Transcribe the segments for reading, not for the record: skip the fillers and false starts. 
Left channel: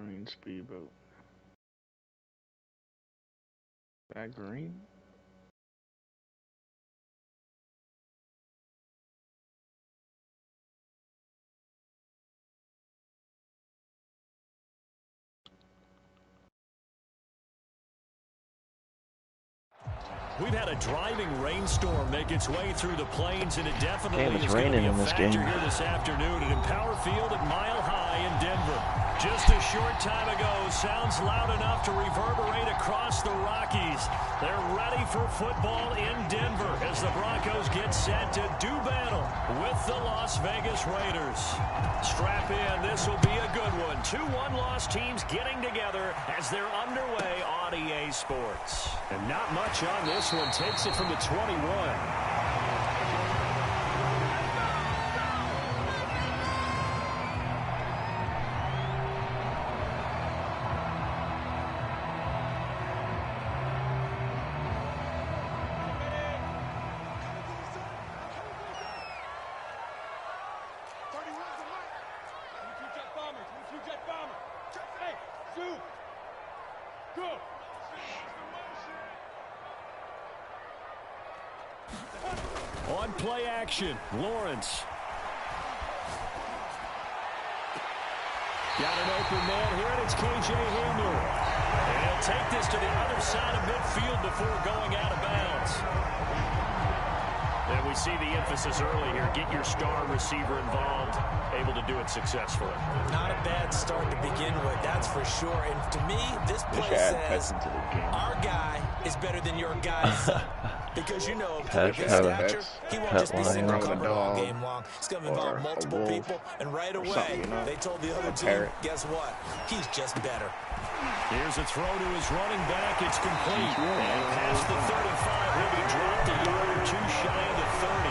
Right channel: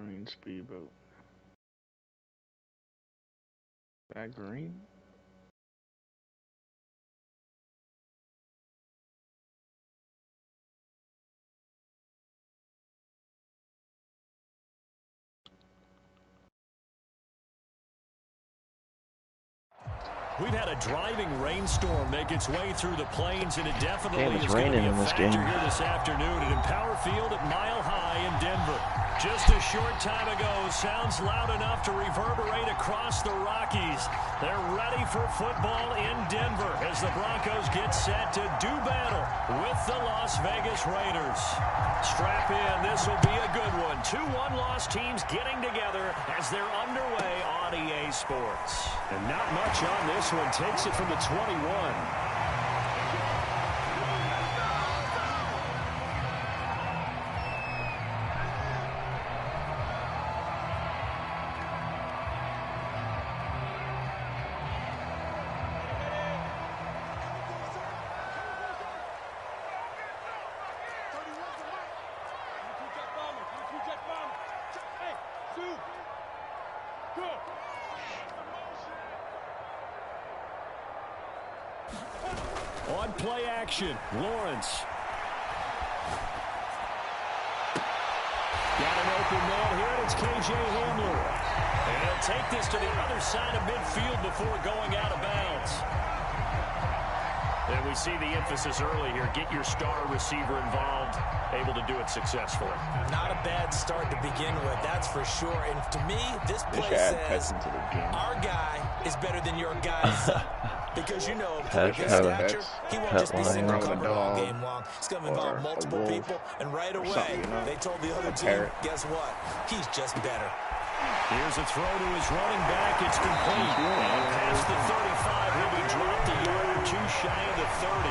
green speedboat. That green? We've had a driving rainstorm make its way through the plains, and it definitely Damn, it's is going to raining be a in this factor game. here this afternoon at Empower Field at Mile High in Denver. Just a short time ago, sounds loud enough to reverberate across the Rockies. They're ready for football in Denver as the Broncos get set to do battle with the Las Vegas Raiders. Strap in, this will be a good one. Two one-loss teams getting together as they're underway on EA Sports. And not much on this one. Takes it from the 21. On play action, Lawrence. Got an open man here, and it's K.J. Hamler. And he'll take this to the other side of midfield before going out of bounds. And we see the emphasis early here. Get your star receiver involved, able to do it successfully. Not a bad start to begin with, that's for sure. And to me, this play says our guy is better than your guy's. Because, you know, his stature, he won't just be single covered all game long. It's going to involve multiple people. And right away, they told the other team, guess what? He's just better. Here's a throw to his running back. It's complete. And past the 35, he'll be dropped a yard or two shy of the 30.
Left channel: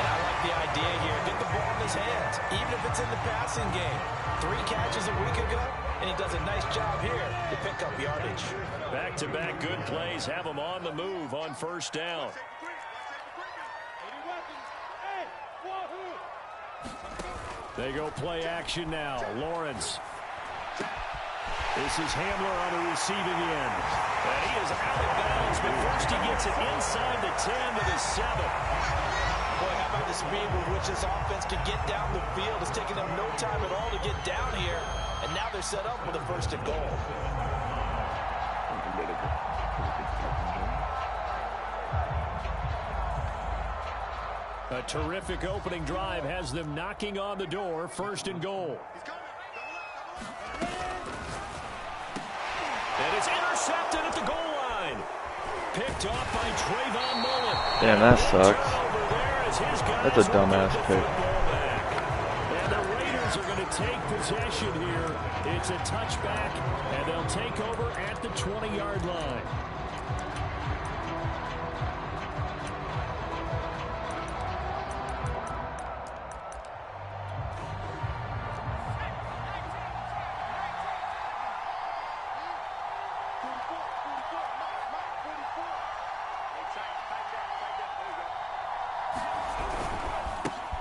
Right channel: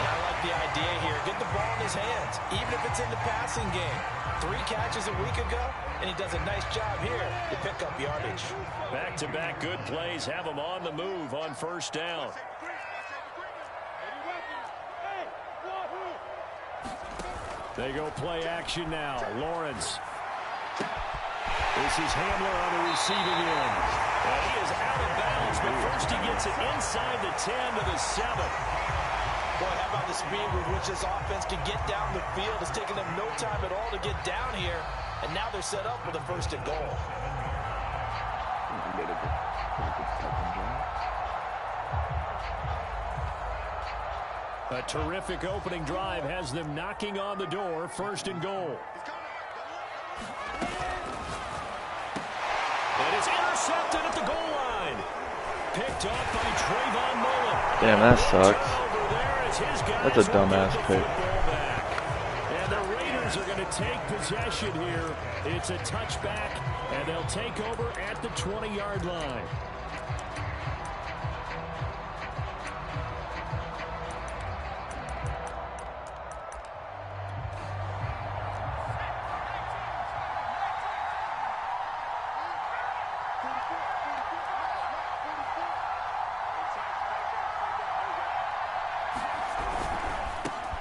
And I like the idea here. Get the ball in his hands, even if it's in the passing game. 3 catches a week ago, and he does a nice job here to pick up yardage. Back-to-back good plays have him on the move on first down. They go play action now. Lawrence. This is Hamler on the receiving end. And he is out of bounds, but first he gets it inside the 10 to the 7. Boy, how about the speed with which this offense can get down the field? It's taken them no time at all to get down here. And now they're set up with a 1st and goal. A terrific opening drive has them knocking on the door. 1st and goal. And it's intercepted at the goal line. Picked off by Trayvon Mullen. Damn, that sucks. That's a dumbass pick. And the Raiders are going to take possession here. It's a touchback, and they'll take over at the 20-yard line.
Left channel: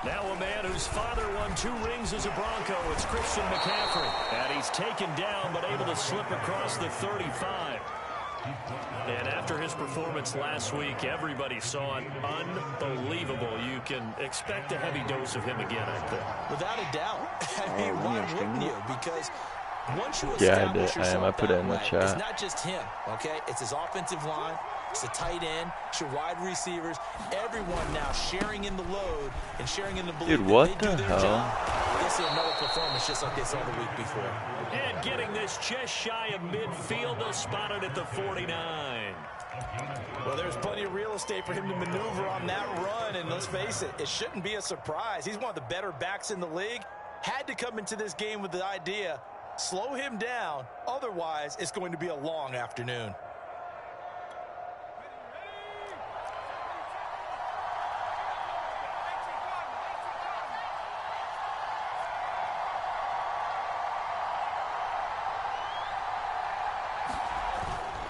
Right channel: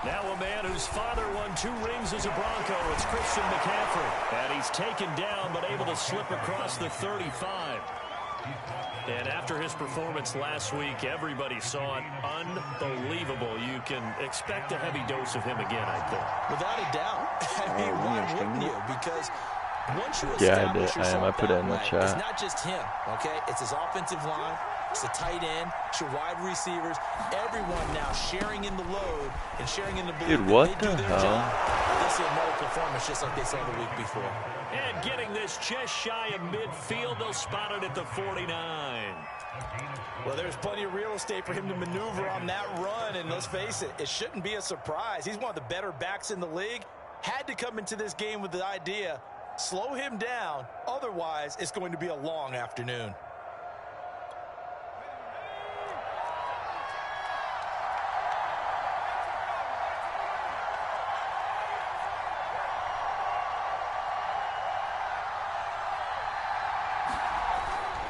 Now a man whose father won 2 rings as a Bronco. It's Christian McCaffrey. And he's taken down but able to slip across the 35. And after his performance last week, everybody saw it. Unbelievable. You can expect a heavy dose of him again, I think. Without a doubt. I mean, why wouldn't you? Because once you establish yourself I put it in the chat. It's not just him, okay? It's his offensive line. It's the tight end. It's your wide receivers. Everyone now sharing in the load and sharing in the belief that they do their job. They'll see another performance just like they saw the week before. And getting this just shy of midfield, they'll spot it at the 49. Well, there's plenty of real estate for him to maneuver on that run, and let's face it, it shouldn't be a surprise. He's one of the better backs in the league. Had to come into this game with the idea, slow him down, otherwise it's going to be a long afternoon.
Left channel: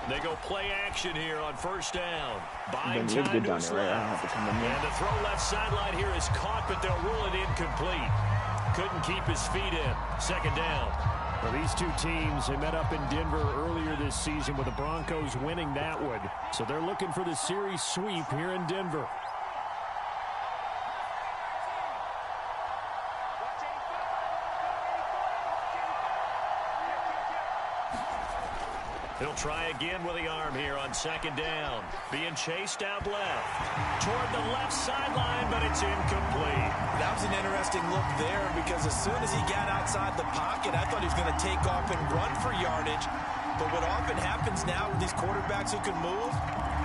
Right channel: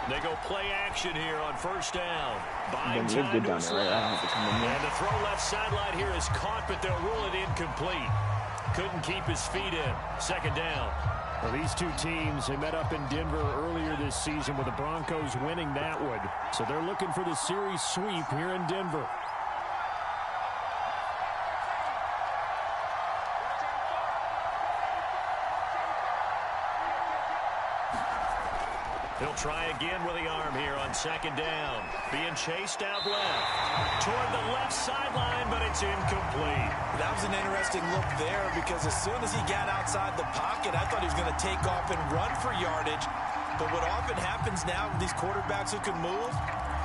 They go play action here on 1st down. Buying You're time good to down his there, right? I don't left. have to come in there. And the throw left sideline here is caught, but they'll rule it incomplete. Couldn't keep his feet in. 2nd down. Well, these two teams, they met up in Denver earlier this season with the Broncos winning that one. So they're looking for the series sweep here in Denver. He'll try again with the arm here on second down. Being chased out left. Toward the left sideline, but it's incomplete. That was an interesting look there because as soon as he got outside the pocket, I thought he was going to take off and run for yardage. But what often happens now with these quarterbacks who can move,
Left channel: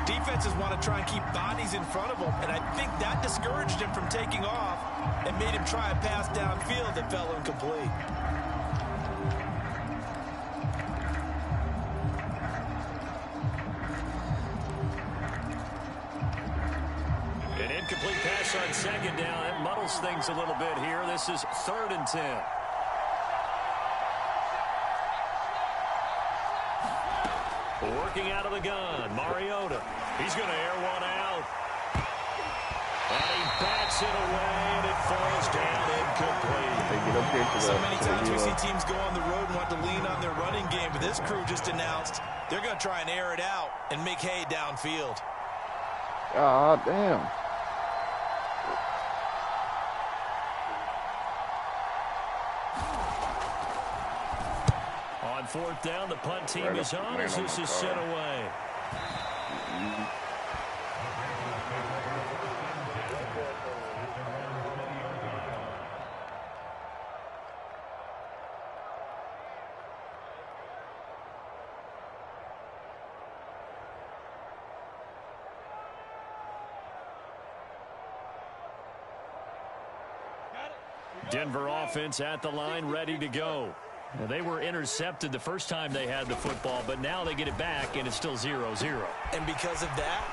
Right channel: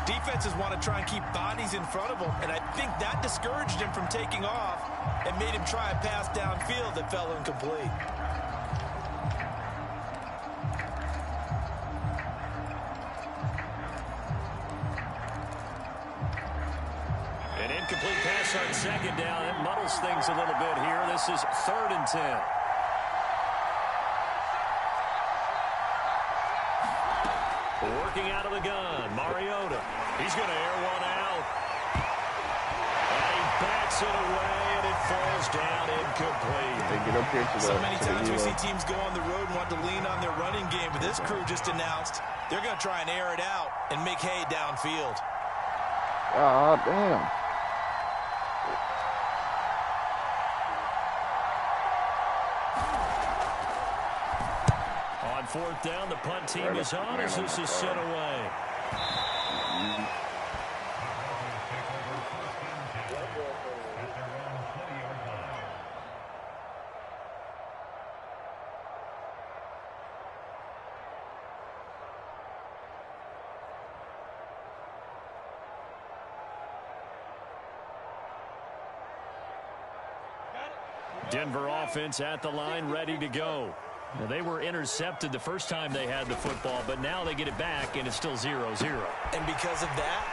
defenses want to try and keep bodies in front of them. And I think that discouraged him from taking off and made him try a pass downfield that fell incomplete. An incomplete pass on second down. That muddles things a little bit here. This is 3rd and 10. Working out of the gun, Mariota. He's going to air one out. And he bats it away, and it falls down incomplete. They get up here to the So many times we see teams go on the road and want to lean on their running game, but this crew just announced they're going to try and air it out and make hay downfield. God damn. On 4th down, the punt team is on as this is sent away. Denver offense at the line, ready to go. Now, they were intercepted the first time they had the football, but now they get it back, and it's still 0-0. And because of that,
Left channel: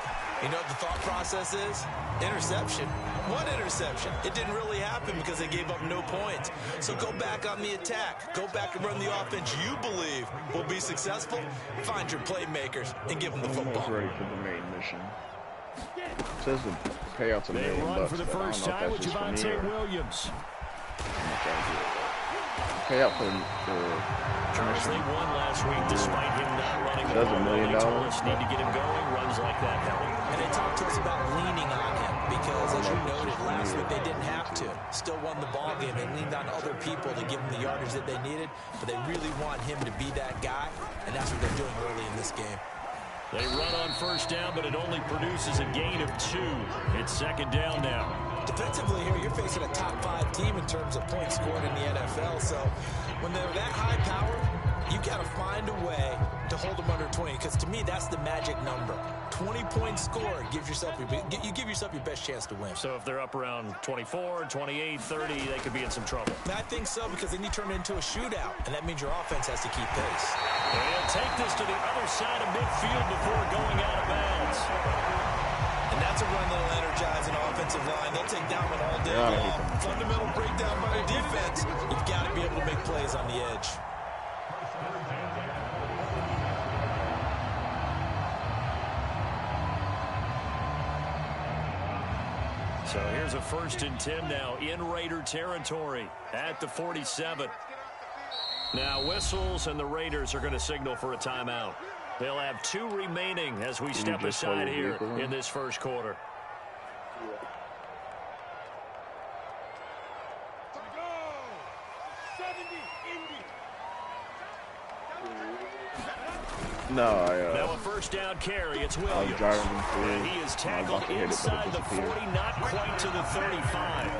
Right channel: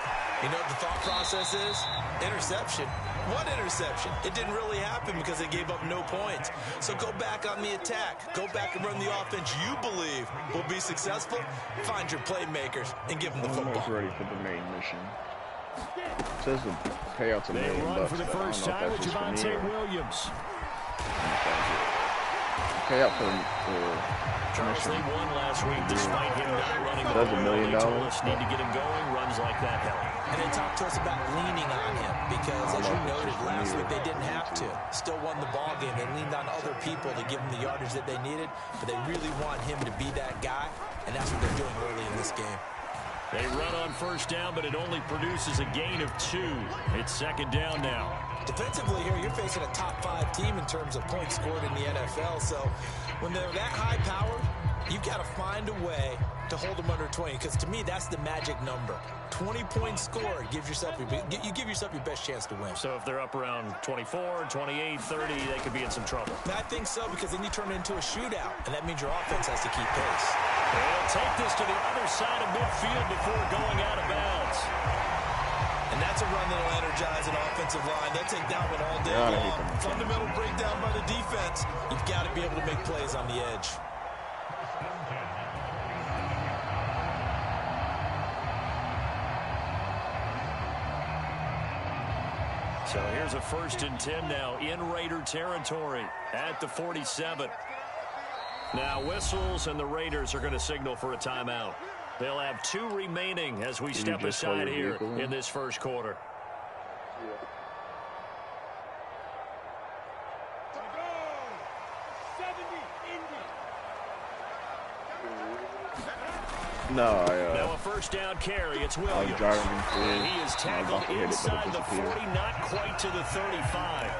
you know what the thought process is? Interception. What interception? It didn't really happen because they gave up no points. So go back on the attack. Go back and run the offense you believe will be successful. Find your playmakers and give them the football. Almost ready for the main mission. It says the payouts $1 million. They run for the first time with Javonte Williams. Payout for Charles, they won last week despite him not running the ball. $1 million. They told us need to get him going. Runs like that help. And they talked to us about leaning on him because, as you noted, last week they didn't have to. Still won the ball game. They leaned on other people to give them the yardage that they needed, but they really want him to be that guy, and that's what they're doing early in this game. They run on first down, but it only produces a gain of 2. It's second down now. Defensively here, you're facing a top 5 team in terms of points scored in the NFL. So when they're that high powered, you've got to find a way to hold them under 20. Because to me, that's the magic number. 20 points scored, you give yourself your best chance to win. So if they're up around 24, 28, 30, they could be in some trouble. I think so, because then you turn it into a shootout, and that means your offense has to keep pace. They'll take this to the other side of midfield before going out of bounds. And that's a run that'll energize an offensive line. They'll take that one all day long. Fundamental breakdown by the defense. You've got to be able to make plays on the edge. So here's a 1st and 10 now in Raider territory at the 47. Now whistles and the Raiders are going to signal for a timeout. They'll have 2 remaining as we step aside here in this first quarter. No, now a first down carry. It's Williams. And he is tackled inside the 40, not quite to the 35.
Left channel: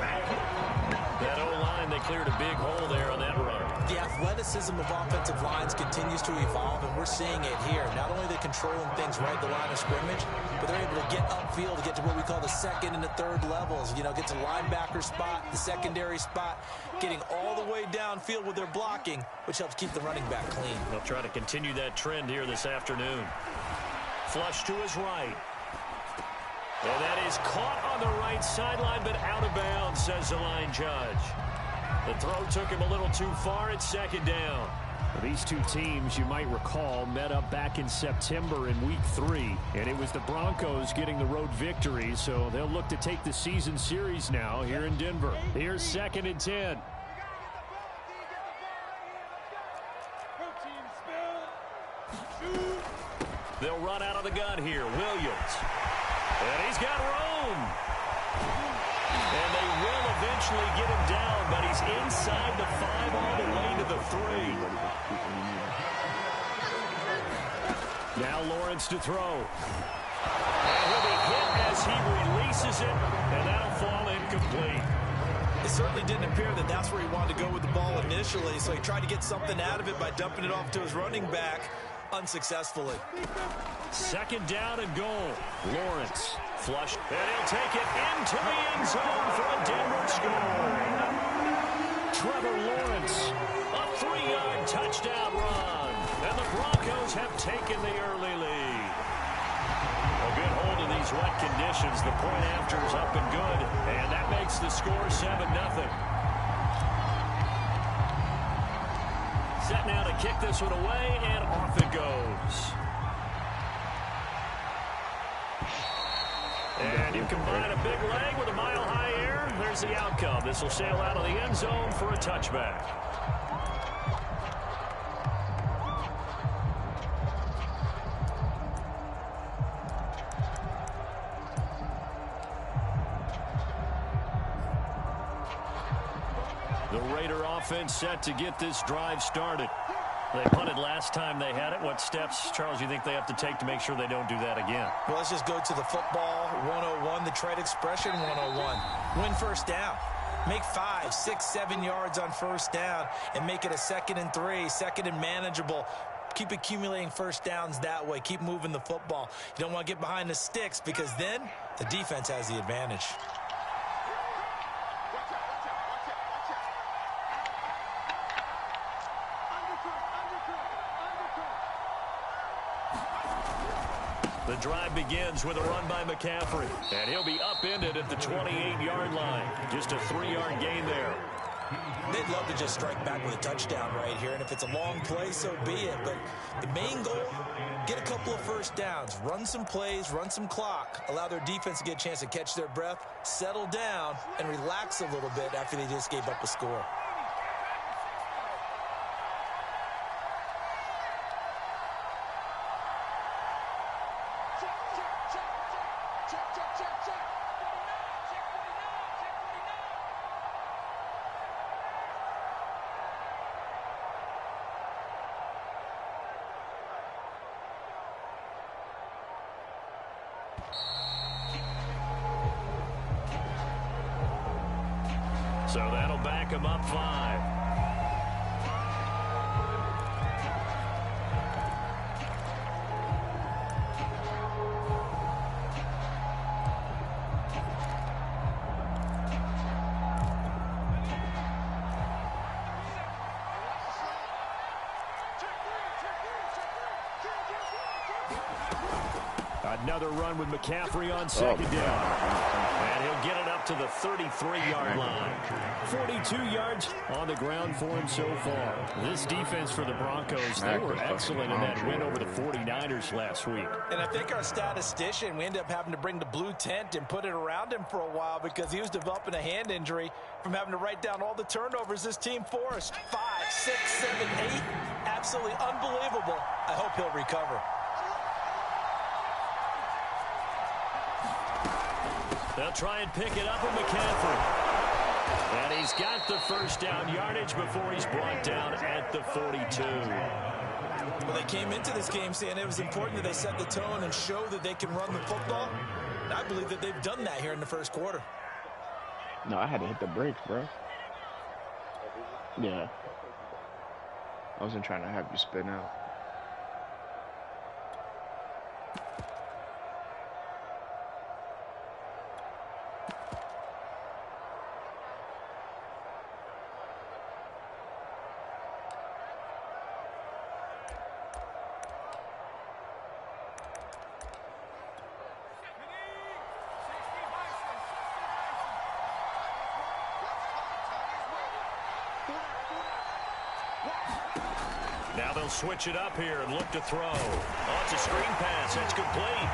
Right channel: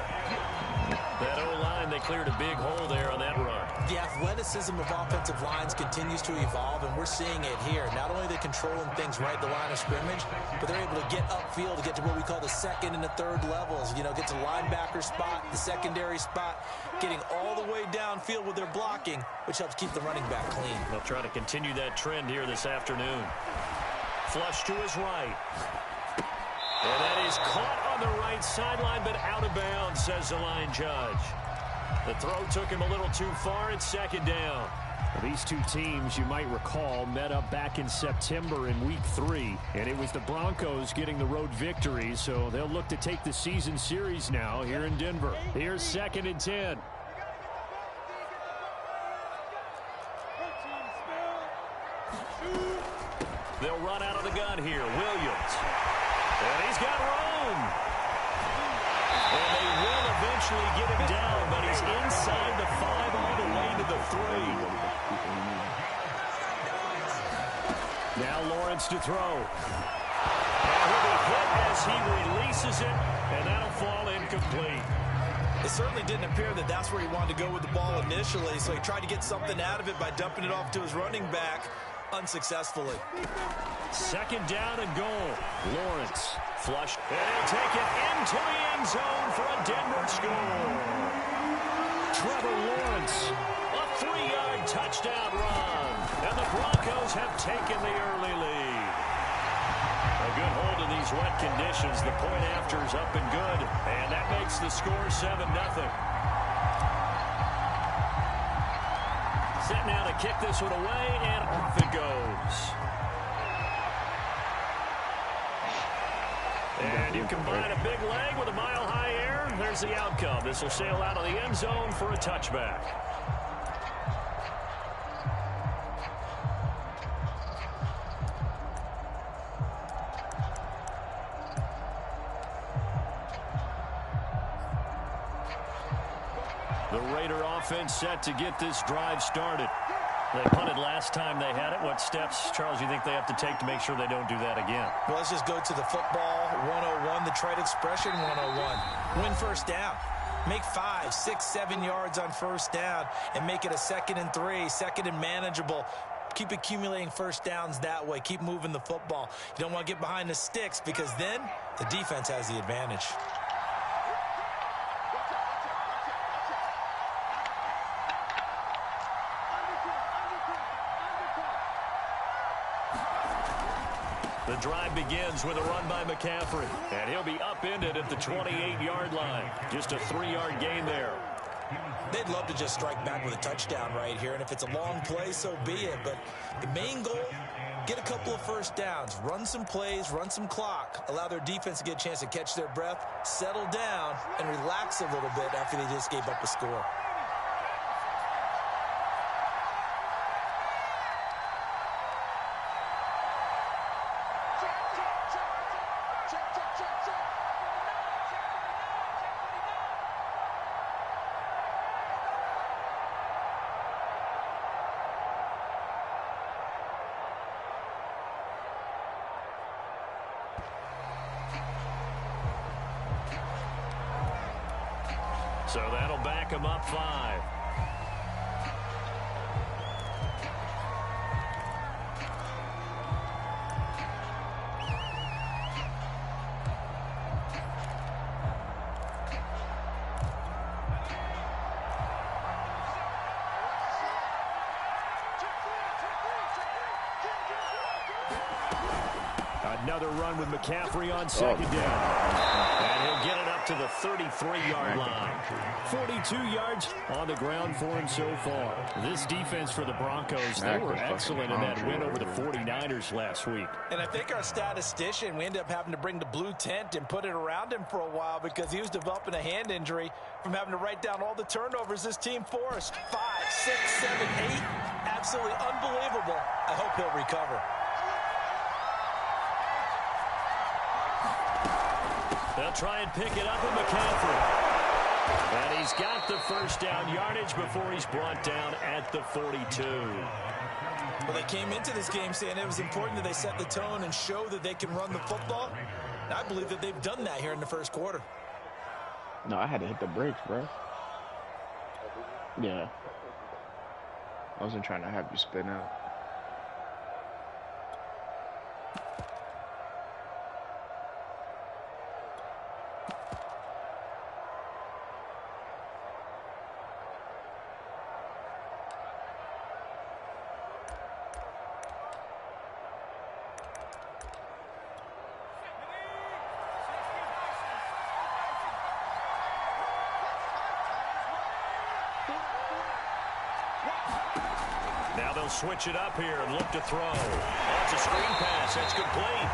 That O-line, they cleared a big hole there on that run. The athleticism of offensive lines continues to evolve, and we're seeing it here. Not only are they controlling things right at the line of scrimmage, but they're able to get upfield to get to what we call the 2nd and the 3rd levels. You know, get to the linebacker spot, the secondary spot, getting all the way downfield with their blocking, which helps keep the running back clean. They'll try to continue that trend here this afternoon. Flush to his right. And that is caught on the right sideline, but out of bounds, says the line judge. The throw took him a little too far. It's second down. These two teams, you might recall, met up back in September in Week 3, and it was the Broncos getting the road victory, so they'll look to take the season series now here in Denver. Here's 2nd and 10. They'll run out of the gun here. Williams. And he's got room. And they will eventually get him down, but he's inside the 5 all the way to the 3. Now Lawrence to throw. And he'll be hit as he releases it, and that'll fall incomplete. It certainly didn't appear that that's where he wanted to go with the ball initially, so he tried to get something out of it by dumping it off to his running back unsuccessfully. 2nd down and goal. Lawrence flush, and he'll take it into the end zone for a Denver score. Trevor Lawrence, a 3-yard touchdown run, and the Broncos have taken the early lead. A good hold of these wet conditions. The point after is up and good, and that makes the score 7-0. Set now to kick this one away, and off it goes. And you combine a big leg with a mile-high air, there's the outcome. This will sail out of the end zone for a touchback. The Raider offense set to get this drive started. They punted last time they had it. What steps, Charles, do you think they have to take to make sure they don't do that again? Well, let's just go to the football 101, the trade expression 101. Win first down. Make 5, 6, 7 yards on first down and make it a 2nd and 3, 2nd and manageable. Keep accumulating first downs that way. Keep moving the football. You don't want to get behind the sticks because then the defense has the advantage. The drive begins with a run by McCaffrey, and he'll be upended at the 28-yard line. Just a 3-yard gain there. They'd love to just strike back with a touchdown right here, and if it's a long play, so be it. But the main goal, get a couple of first downs, run some plays, run some clock, allow their defense to get a chance to catch their breath, settle down, and relax a little bit after they just gave up a score. So that'll back him up 5. Another run with McCaffrey on 2nd down. And he'll get it up to the 33-yard line. 42 yards on the ground for him so far. This defense for the Broncos, they were excellent in that win over the 49ers last week. And I think our statistician, we ended up having to bring the blue tent and put it around him for a while because he was developing a hand injury from having to write down all the turnovers this team forced. 5, 6, 7, 8. Absolutely unbelievable. I hope he'll recover. They'll try and pick it up with McCaffrey. And he's got the first down yardage before he's brought down at the 42. Well, they came into this game saying it was important that they set the tone and show that they can run the football. And I believe that they've done that here in the first quarter. No, I had to hit the brakes, bro. Yeah. I wasn't trying to have you spin out. Now they'll switch it up here and look to throw. Oh, it's a screen pass. That's complete.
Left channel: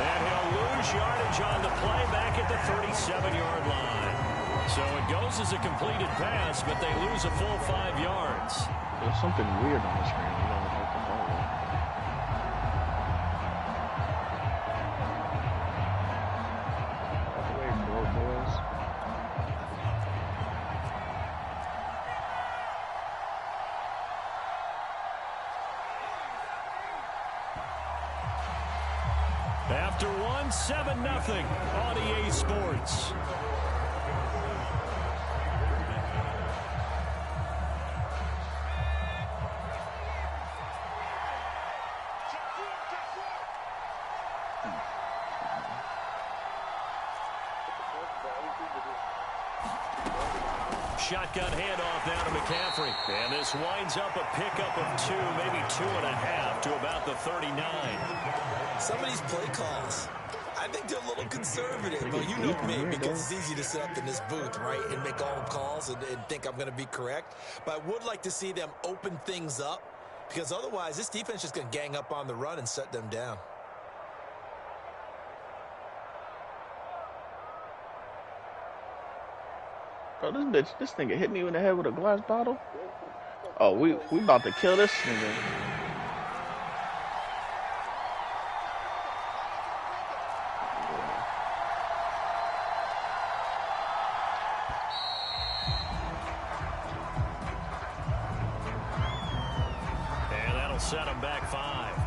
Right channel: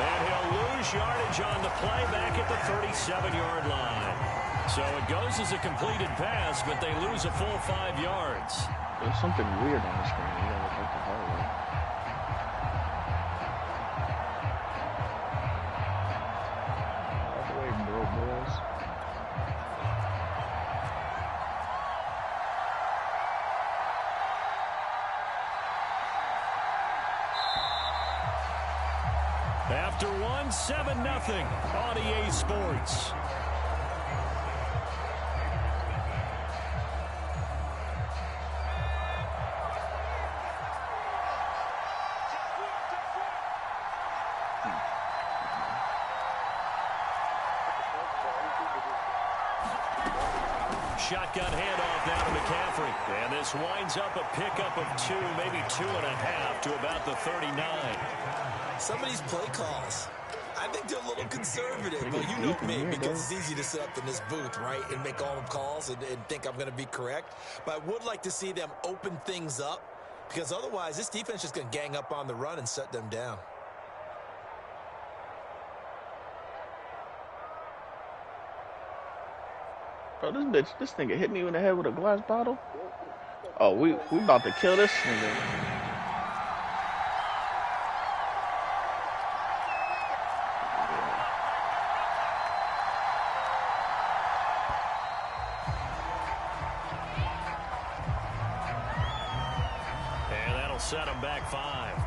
And he'll lose yardage on the play back at the 37-yard line. So it goes as a completed pass, but they lose a full 5 yards. There's something weird on the screen. You don't look like the hallway. down 7-0 on EA Sports. Shotgun handoff now to McCaffrey. And this winds up a pickup of 2, maybe 2.5 to about the 39. Some of these play calls, I think they're a little conservative. But you know me, because it's easy to sit up in this booth, right, and make all the calls and think I'm going to be correct. But I would like to see them open things up, because otherwise this defense is just going to gang up on the run and shut them down. Oh, this nigga hit me in the head with a glass bottle. Oh, we about to kill this nigga. And that'll set him back 5.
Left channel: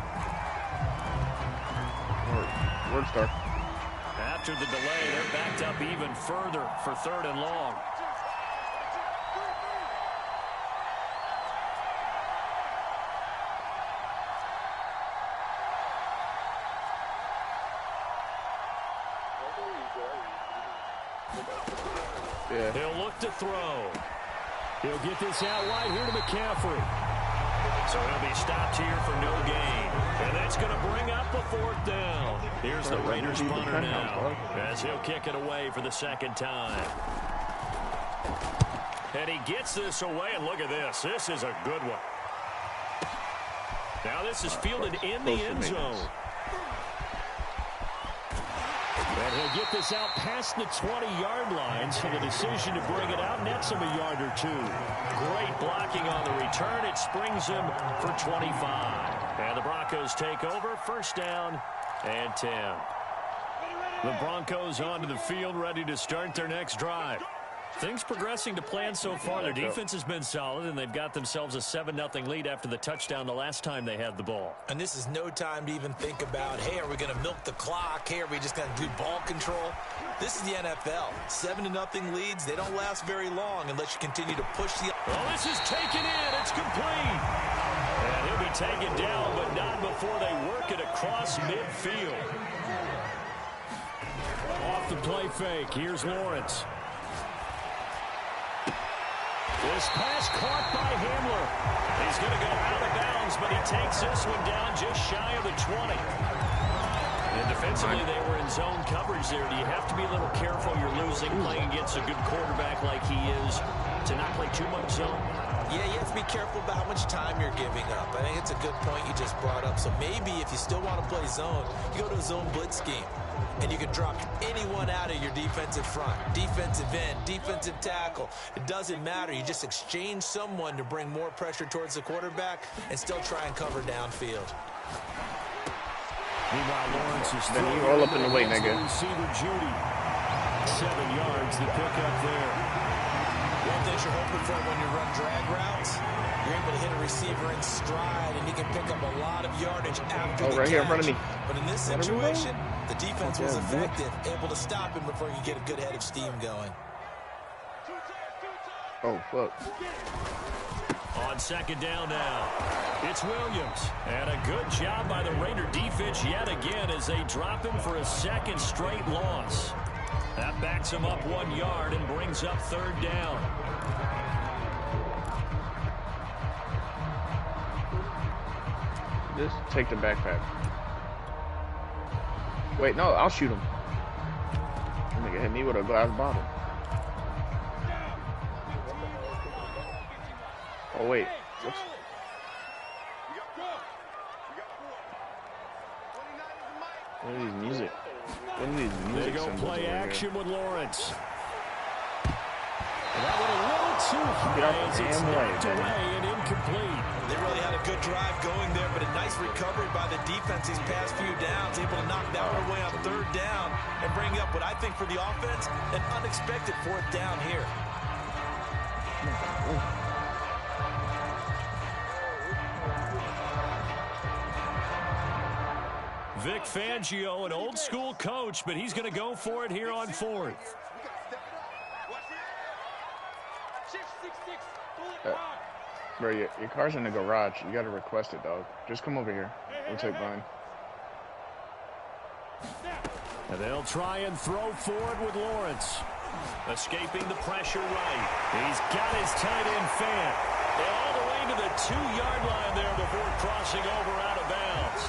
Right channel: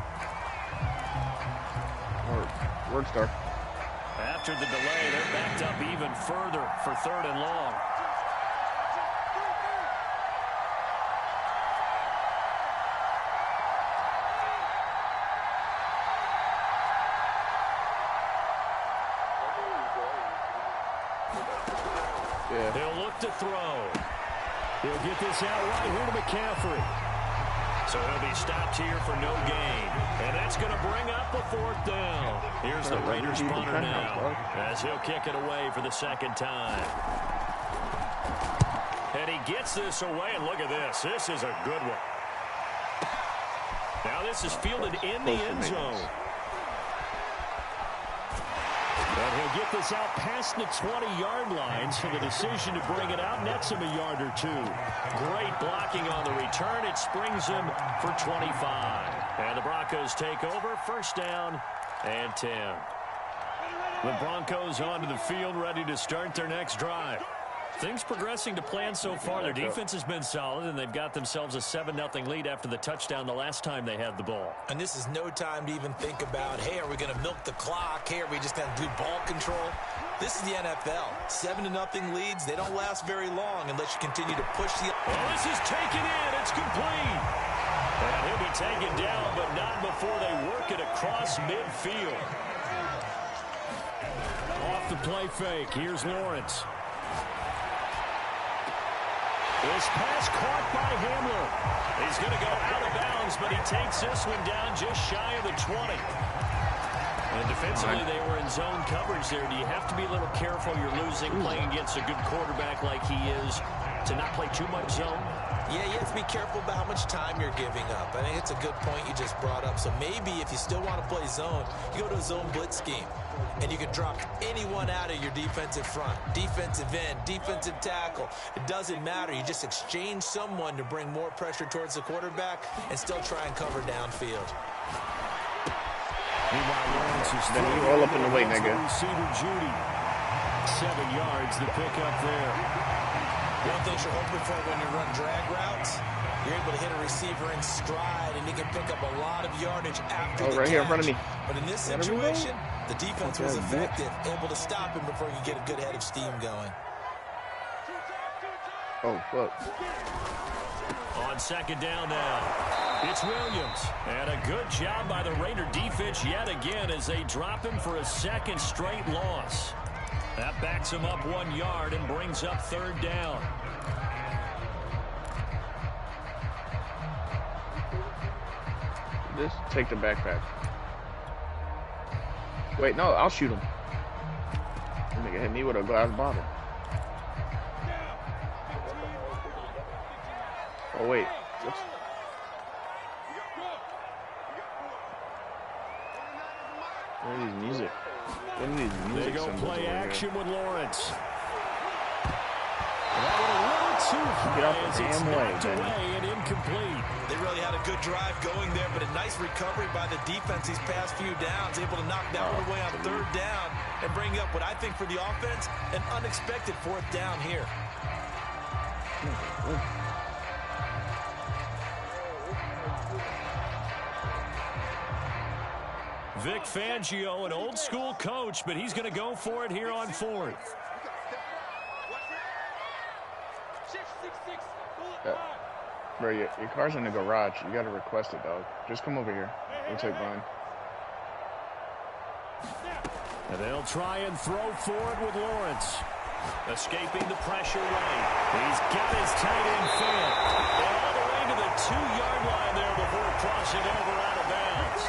Word star. After the delay, they're backed up even further for 3rd and long. Yeah. He'll look to throw. He'll get this out wide here to McCaffrey. So he'll be stopped here for no gain. And that's going to bring up a 4th down. Here's the Raiders punter now, as he'll kick it away for the 2nd time. And he gets this away, and look at this. This is a good one. Now this is fielded in the end zone. And he'll get this out past the 20-yard line, so the decision to bring it out nets him a yard or 2. Great blocking on the return. It springs him for 25. And the Broncos take over, 1st down and 10. The Broncos onto the field, ready to start their next drive. Things progressing to plan so far. Their defense has been solid, and they've got themselves a 7-0 lead after the touchdown the last time they had the ball. And this is no time to even think about, hey, are we going to milk the clock? Hey, are we just going to do ball control? This is the NFL. 7-0 leads, they don't last very long unless you continue to push the... Oh, this is taken in. It's complete. And he'll be taken down, but not before they work it across midfield. Off the play fake. Here's Lawrence. This pass caught by Hamler. He's going to go out of bounds, but he takes this one down just shy of the 20. And defensively, they were in zone coverage there. Do you have to be a little careful? You're losing, playing against a good quarterback like he is, to not play too much zone? Yeah, you have to be careful about how much time you're giving up. I think it's a good point you just brought up. So maybe if you still want to play zone, you go to a zone blitz scheme. And you can drop anyone out of your defensive front, defensive end, defensive tackle. It doesn't matter. You just exchange someone to bring more pressure towards the quarterback and still try and cover downfield. Meanwhile, Lawrence is then you roll up in the way, nigga. Receiver Judy. 7 yards to pick up there. One thing you're hoping for when you run drag routes, you're able to hit a receiver in stride, and he can pick up a lot of yardage after the right catch. here in front of me. But in this situation, the defense was effective, able to stop him before he could get a good head of steam going. Oh, fuck. On 2nd down now, it's Williams. And a good job by the Raider defense yet again as they drop him for a 2nd straight loss. That backs him up 1 yard and brings up 3rd down. Just take the backpack. Wait, no, I'll shoot him. That nigga hit me with a glass bottle. Oh, wait. What's... What are these music? What are these music They go play action with Lawrence. That one a little too high as it's knocked away and incomplete. They really had a good drive going there, but a nice recovery by the defense these past few downs, able to knock that one away on 3rd down and bring up what I think for the offense, an unexpected 4th down here. Vic Fangio, an old-school coach, but he's going to go for it here on 4th. Bro, your car's in the garage. You got to request it, dog. Just come over here. We'll take mine. And they'll try and throw forward with Lawrence. Escaping the pressure right. He's got his tight end fan. And all the way to the 2-yard line there before crossing over out of bounds.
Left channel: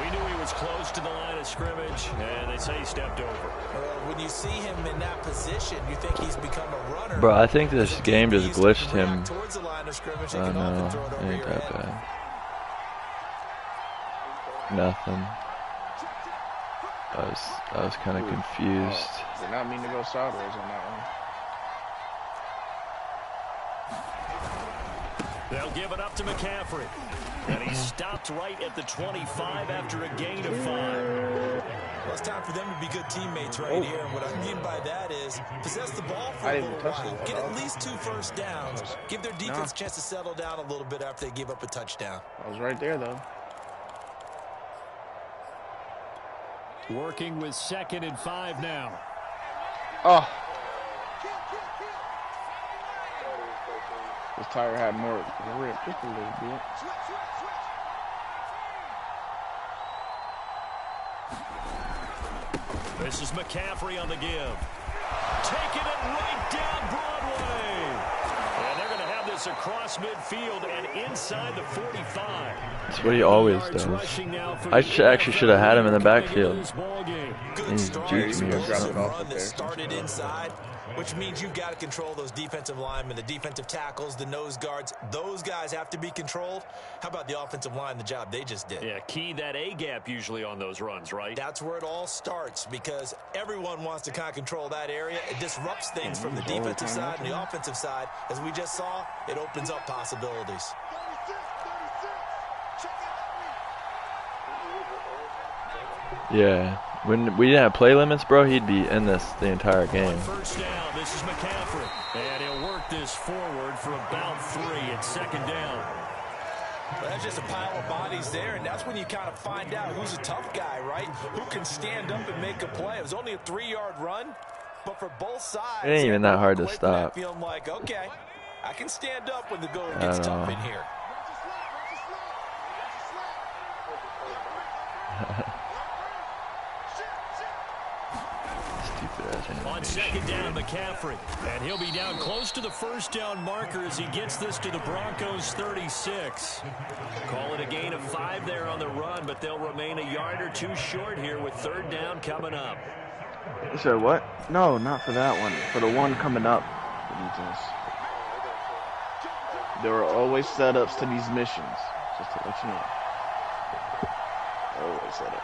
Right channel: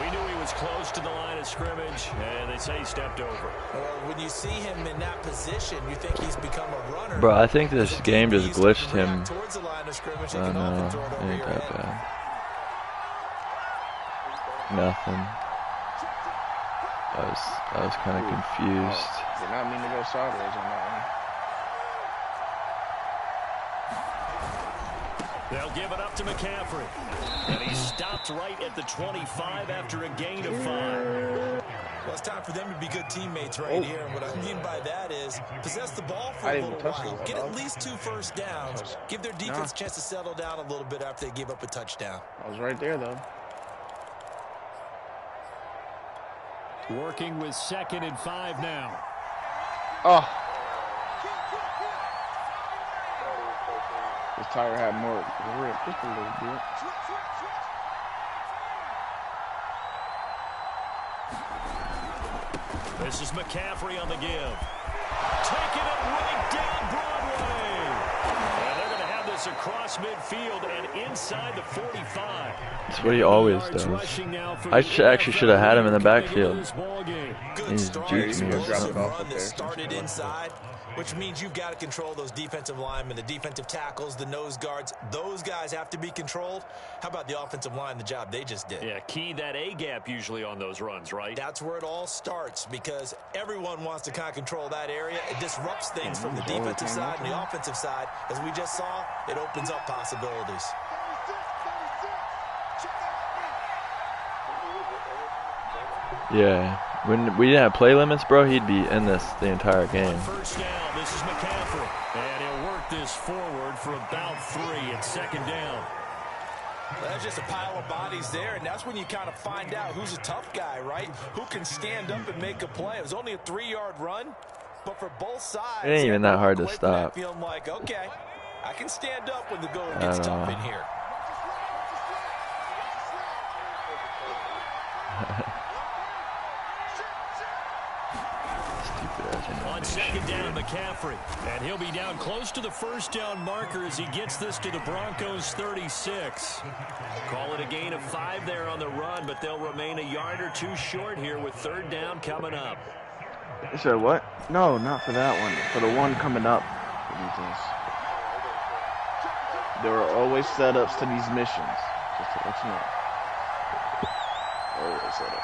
We knew he was close to the line of scrimmage, and they say he stepped over. When you see him in that position, you think he's become a runner. Bro, I think this game just glitched him. Oh, no, it ain't that bad. Nothing. I was kind of confused. Did not mean to go sideways on that one. They'll give it up to McCaffrey. And he stopped right at the 25 after a gain of 5. Well, it's time for them to be good teammates right here. And what I mean by that is possess the ball for a little while. Get at least 2 first downs. Give their defense a chance to settle down a little bit after they give up a touchdown. I was right there, though. Working with 2nd and 5 now. Oh. This tire had more grip, just a little bit. This is McCaffrey on the give. Taking it right down Broadway. And they're going to have this across midfield and inside the 45. That's what he always does. I actually should have had him in the backfield. He's juicing me or something. Run that started inside, which means you've got to control those defensive linemen, the defensive tackles, the nose guards. Those guys have to be controlled. How about the offensive line, the job they just did? Yeah, key that A-gap usually on those runs, right? That's where it all starts because everyone wants to kind of control that area. It disrupts things from the defensive side and the offensive side. As we just saw, it opens up possibilities. Yeah, when we didn't have play limits, bro, he'd be in this the entire game. First down, this is McCaffrey. And he'll work this forward for about 3 at 2nd down. Well, that's just a pile of bodies there, and that's when you kind of find out who's a tough guy, right? Who can stand up and make a play. It was only a 3-yard run, but for both sides, it ain't even that hard to stop. Feeling like, okay, I can stand up when the going gets tough in here. On 2nd down, McCaffrey. And he'll be down close to the first down marker as he gets this to the Broncos 36. Call it a gain of 5 there on the run, but they'll remain a yard or 2 short here with 3rd down coming up. You said what? No, not for that one. For the one coming up. There are always setups to these missions. Just to let you know. Always setups.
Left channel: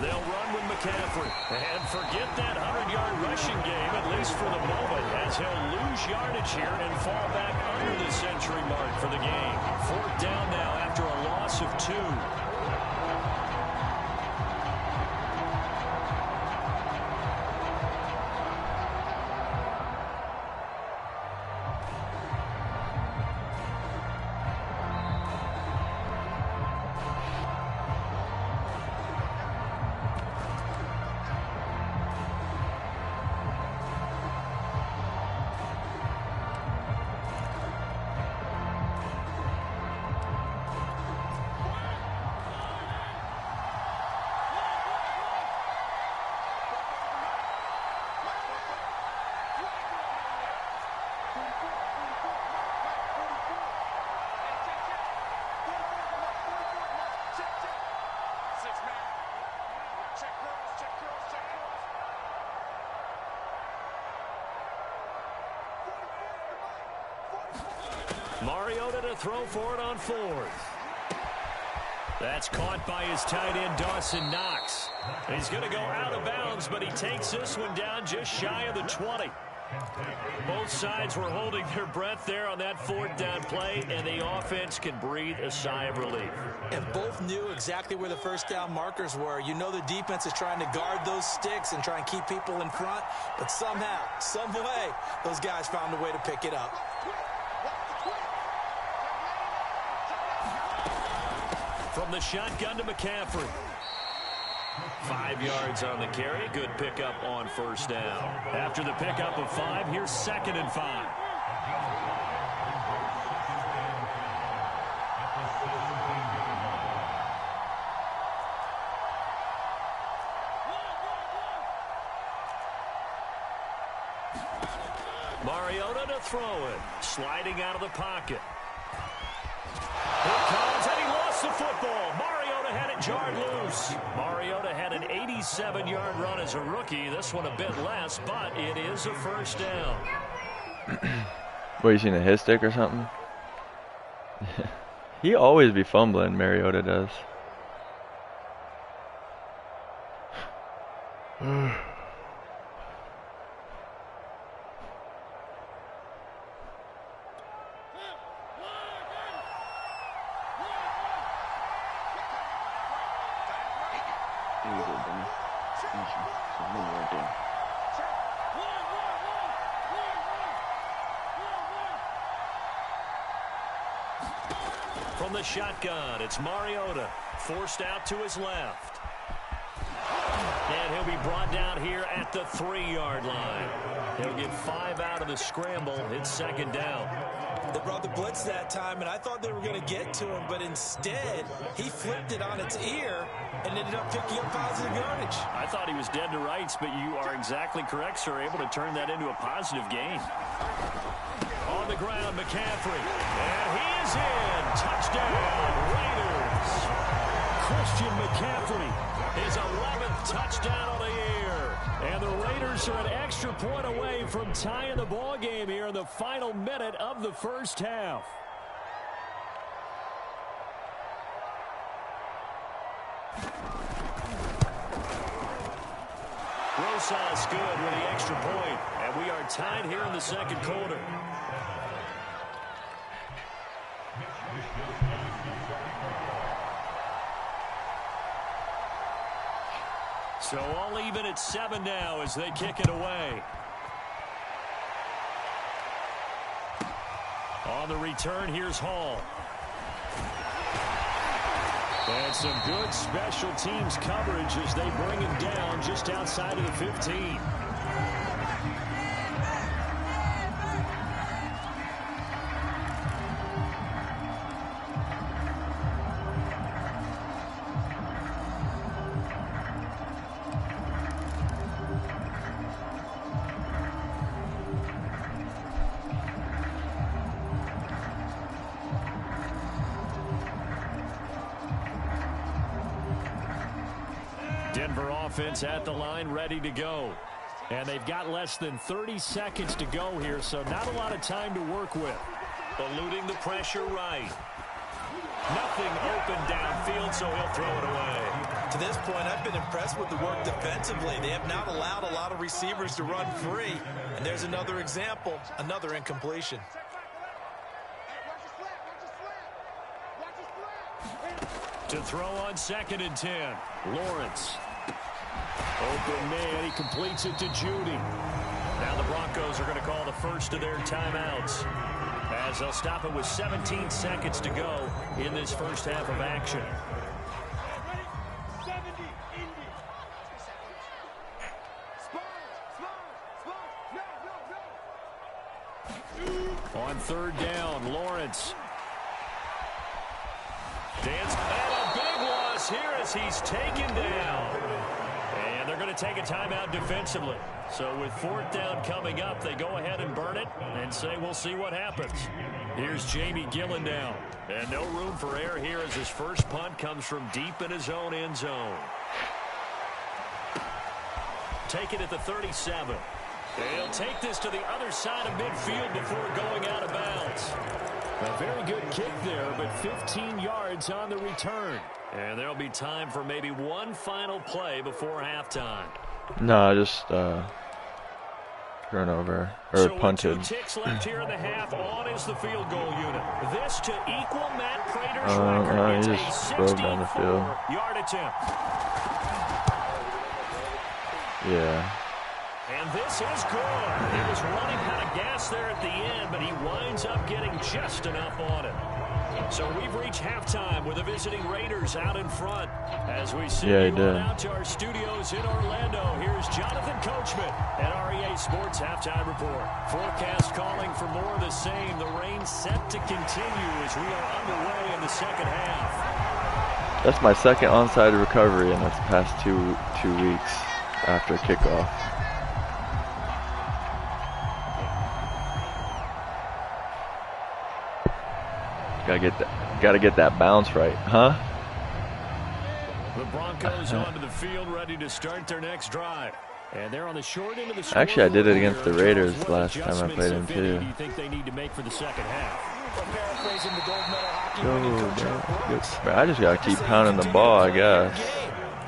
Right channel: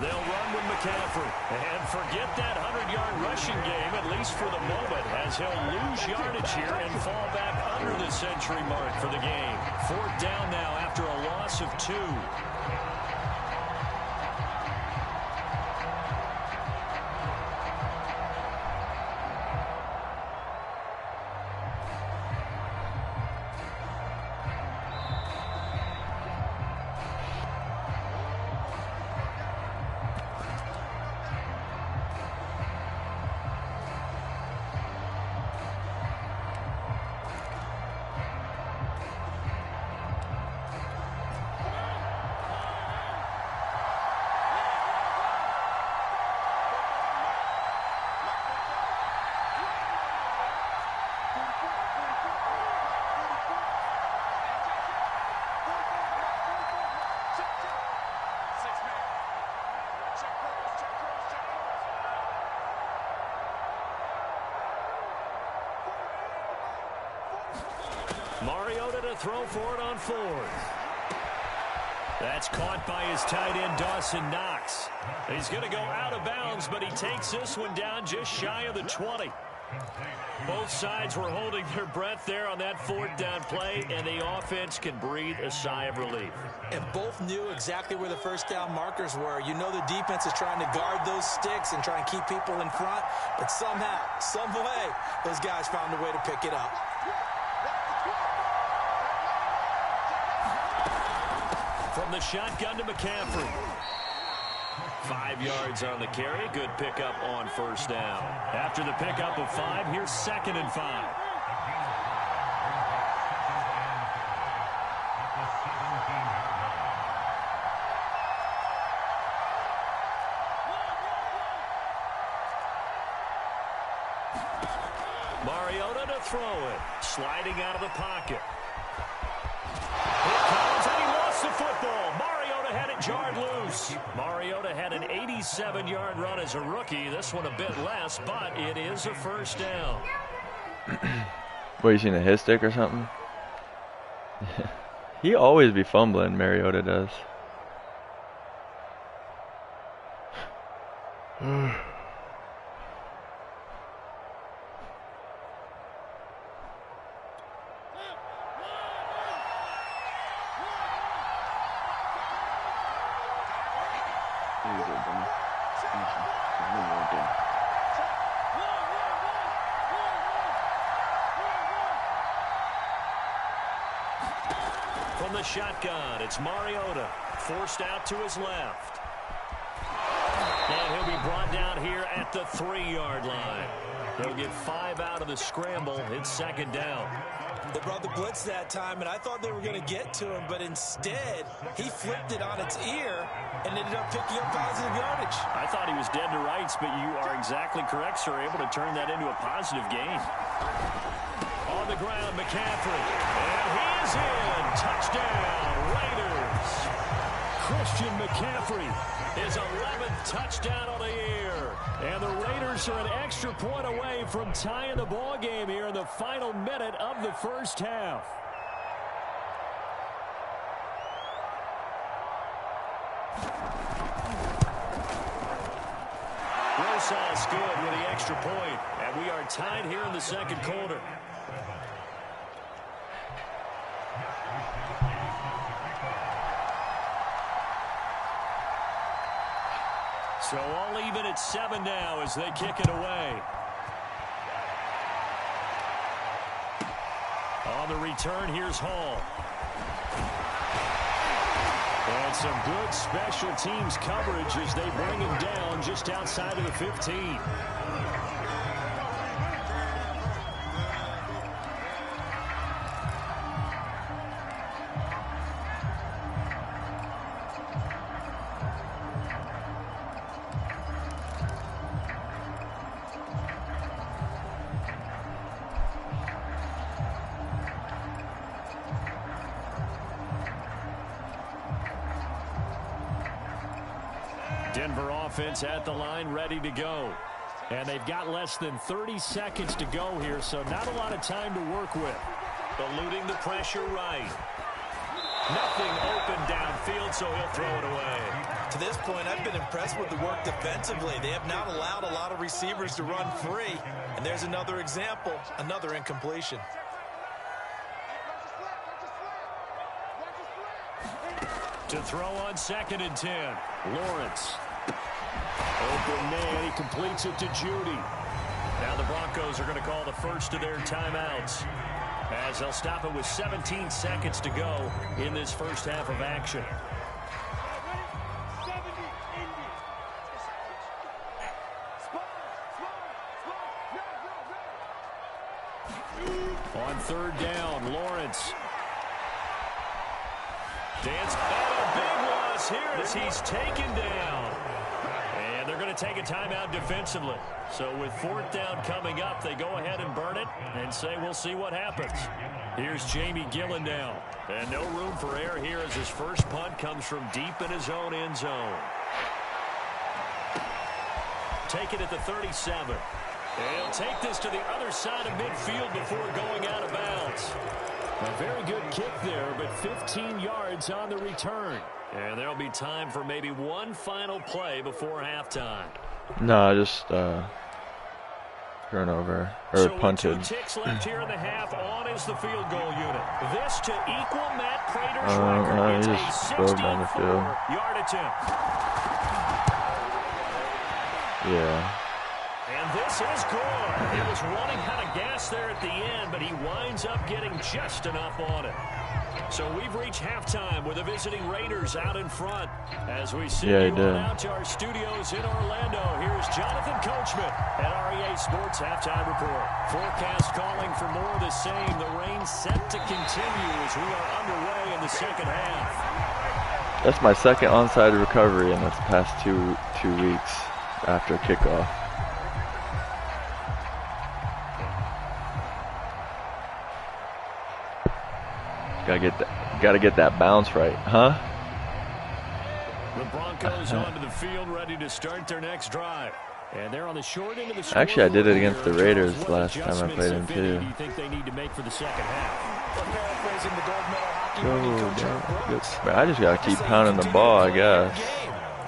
They'll run with McCaffrey. And forget that 100-yard rushing game, at least for the moment, as he'll lose yardage here and fall back under the century mark for the game. 4th down now after a loss of 2. Mariota to throw for it on 4th. That's caught by his tight end, Dawson Knox. He's going to go out of bounds, but he takes this one down just shy of the 20. Both sides were holding their breath there on that 4th down play, and the offense can breathe a sigh of relief. And both knew exactly where the first down markers were. You know the defense is trying to guard those sticks and try and keep people in front, but somehow, some way, those guys found a way to pick it up. From the shotgun to McCaffrey. 5 yards on the carry. Good pickup on first down. After the pickup of 5, here's 2nd and 5. Mariota to throw it. Sliding out of the pocket. Here it comes, and he lost the football. Mariota had it jarred loose. Mariota had an 87-yard run as a rookie. This one a bit less, but it is a first down. What, you seen a hit stick or something? He always be fumbling, Mariota does. From the shotgun, it's Mariota, forced out to his left. And he'll be brought down here at the 3-yard line. He'll get 5 out of the scramble. It's 2nd down. They brought the blitz that time, and I thought they were going to get to him, but instead, he flipped it on its ear and ended up picking up positive yardage. I thought he was dead to rights, but you are exactly correct, sir, able to turn that into a positive gain. On the ground, McCaffrey, and he is in. Touchdown, Raiders. Christian McCaffrey, his 11th touchdown of the year. And the Raiders are an extra point away from tying the ball game here in the final minute of the first half. Rosas good with the extra point, and we are tied here in the 2nd quarter. So all even at 7 now as they kick it away. On the return, here's Hall. And some good special teams coverage as they bring him down just outside of the 15. Denver offense at the line, ready to go. And they've got less than 30 seconds to go here, so not a lot of time to work with. Eluding the pressure right. Nothing open downfield, so he'll throw it away. To this point, I've been impressed with the work defensively. They have not allowed a lot of receivers to run free. And there's another example, another incompletion. To throw on 2nd and 10, Lawrence. Open man, he completes it to Judy. Now the Broncos are going to call the first of their timeouts, as they'll stop it with 17 seconds to go in this first half of action. On 3rd down, Lawrence. And a big loss here as he's taken down. And they're going to take a timeout defensively. So with 4th down coming up, they go ahead and burn it and say we'll see what happens. Here's Jamie Gillen now. And no room for error here as his first punt comes from deep in his own end zone. Take it at the 37. He'll take this to the other side of midfield before going out of bounds. A very good kick there, but 15 yards on the return. And there'll be time for maybe one final play before halftime. No, just turnover or punted. 2 ticks left here in the half. On is the field goal unit. This to equal Matt Prater's record. He it's just a drove down the field. 64-yard attempt. Yeah. And this is good. It was running out of gas there at the end, but he winds up getting just enough on it. So we've reached halftime with the visiting Raiders out in front. As we send you on out to our studios in Orlando, here's Jonathan Coachman at REA Sports Halftime Report. Forecast calling for more of the same. The rain set to continue as we are underway in the second half. That's my second onside recovery in this past two weeks after kickoff. Gotta get that bounce right, huh? The Broncos onto the field, ready to start their next drive. And they're on the short end of the score. Actually, I did it against the Raiders last time I played them too. Do you think they need to make for the second half? Paraphrasing the gold medal hockey winning coach. I just gotta keep pounding the ball, I guess.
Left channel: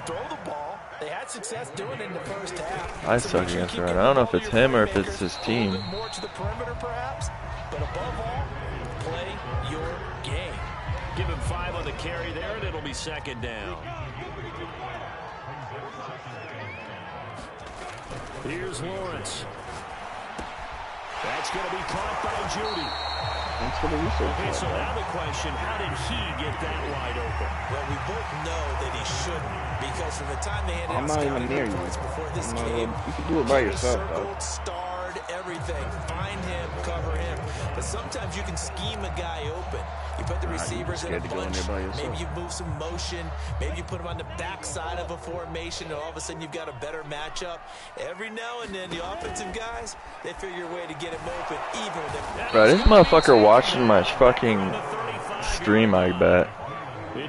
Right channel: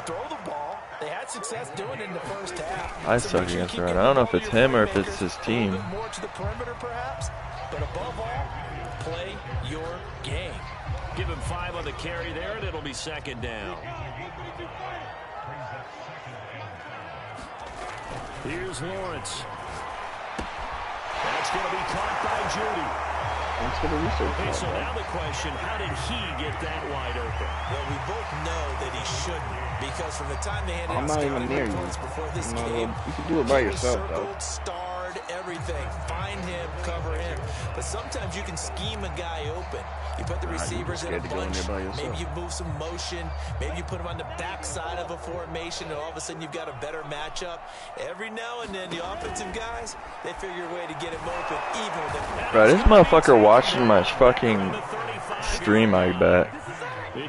Throw the ball. They had success doing it in the first half. I suck against the run. I don't know if it's him or if it's his team. More to the perimeter, perhaps, but above all, play your game. Give him 5 on the carry there, and it'll be second down. Here's Lawrence. That's going to be caught by Judy. Okay, so now the question, how did he get that wide open? Well, we both know that he shouldn't, because from the time they handed I'm not even near you. Before this game, you can do it by yourself, circled, though. starred, everything. Find him, cover him. But sometimes you can scheme a guy open. You put the receivers in a bunch. Maybe you move some motion. Maybe you put him on the backside of a formation, and all of a sudden you've got a better matchup. Every now and then, the offensive guys, they figure a way to get him open, even with them. Bro, this motherfucker watching my fucking stream, I bet. He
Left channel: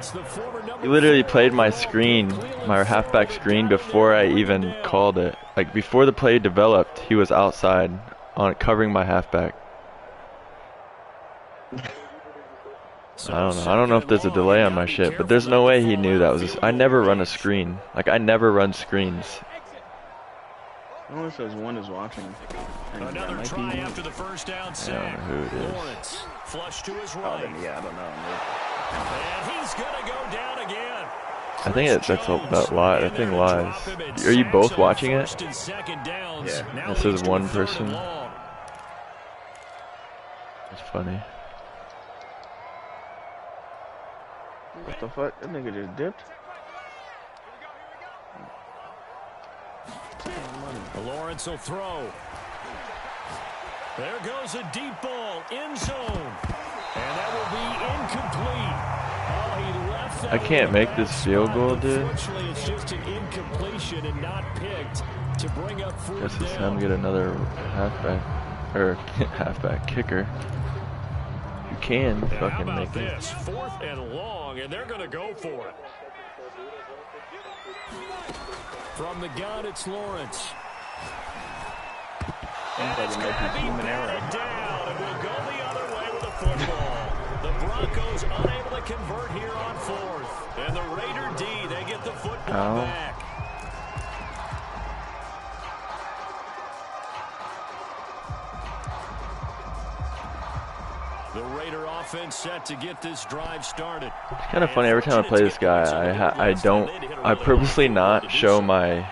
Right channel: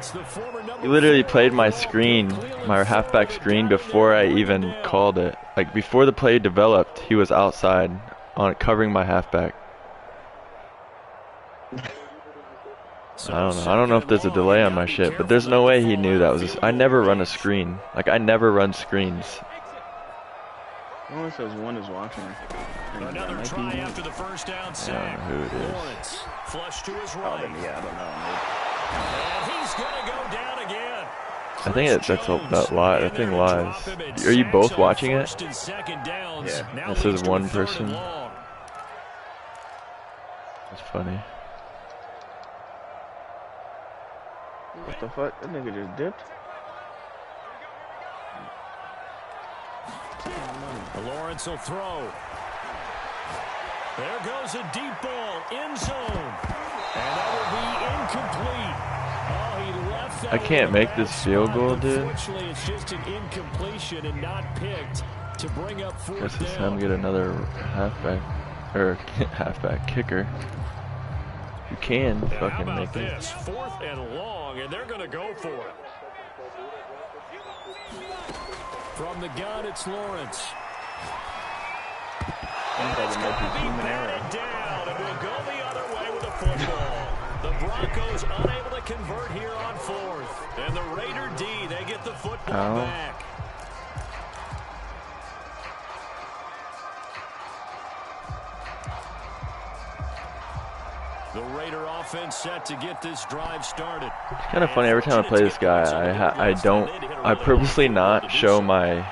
literally played my screen, my halfback screen, before I even called it. Like, before the play developed, he was outside on covering my halfback. I don't know if there's a delay on my shit, but there's no way he knew that was I never run a screen. Like, I never run screens. It only says one is watching. Another try after the first down sack. I don't know who it is. Lawrence, flush to his right. Yeah, I don't know. And he's gonna go down again. I think that live. That thing lies. Are you both watching it? Yeah. This is one person. It's funny. What the fuck? That nigga just dipped. Lawrence will throw. There goes a deep ball, end zone. And that will be incomplete. Oh, he left that. I can't make this field goal, dude. Unfortunately, it's just an incompletion and not picked to bring up fourth down. Guess it's time to get another halfback kicker. You can fucking make it. 4th and long, and they're going to go for it. From the gun, it's Lawrence. And it's going to be batted down, and we'll go the other way with a football. The Broncos unable to convert here on 4th. And the Raider D, they get the football back. The Raider offense set to get this drive started. It's kind of funny, every time I play this guy, I purposely not show my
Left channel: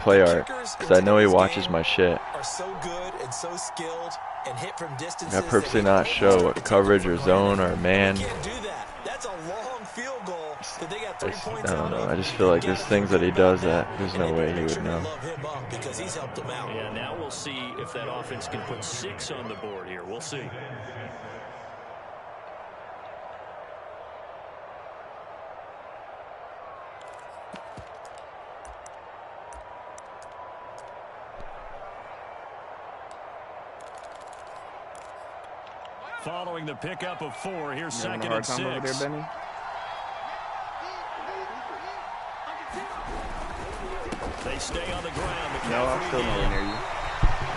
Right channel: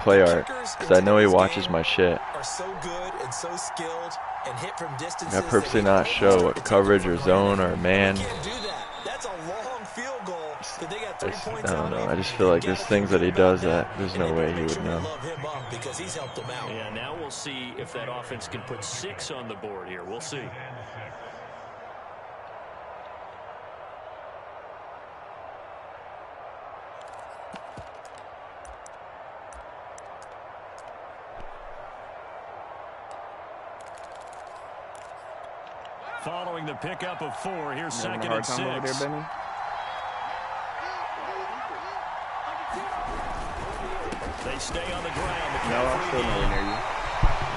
play art, because I know he watches my shit. Are so good and so skilled and hit from distances. I purposely not show what coverage or zone or man. Can't do that. That's a long field goal that they got 3 points I don't know. I just feel like there's things that he does that there's no way he would know. Because he's helped them out. Yeah, now we'll see if that offense can put 6 on the board here. We'll see. Following the pickup of 4, here's second and 6. Over there, Benny? They stay on the ground. No, I'm still nowhere near you.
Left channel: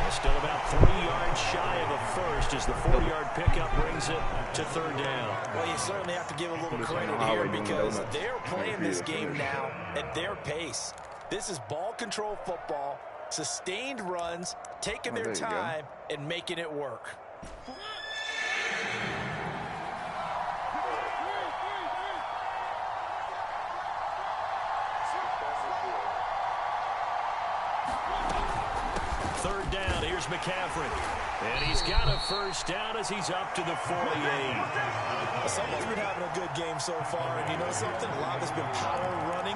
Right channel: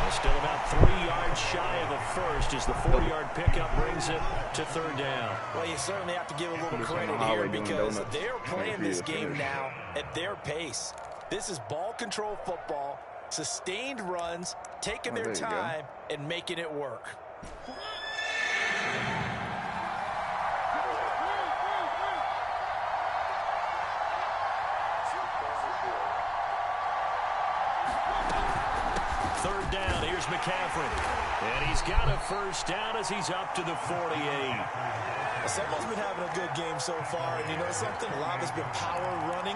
They're still about 3 yards shy of a first as the 4-yard pickup brings it to 3rd down. Well, you certainly have to give a little credit here because they're playing this game now at their pace. This is ball control football. Sustained runs, taking their time, and making it work. Third down, here's McCaffrey. And he's got a first down as he's up to the 48. Someone's been having a good game so far, and you know something? A lot has been power running.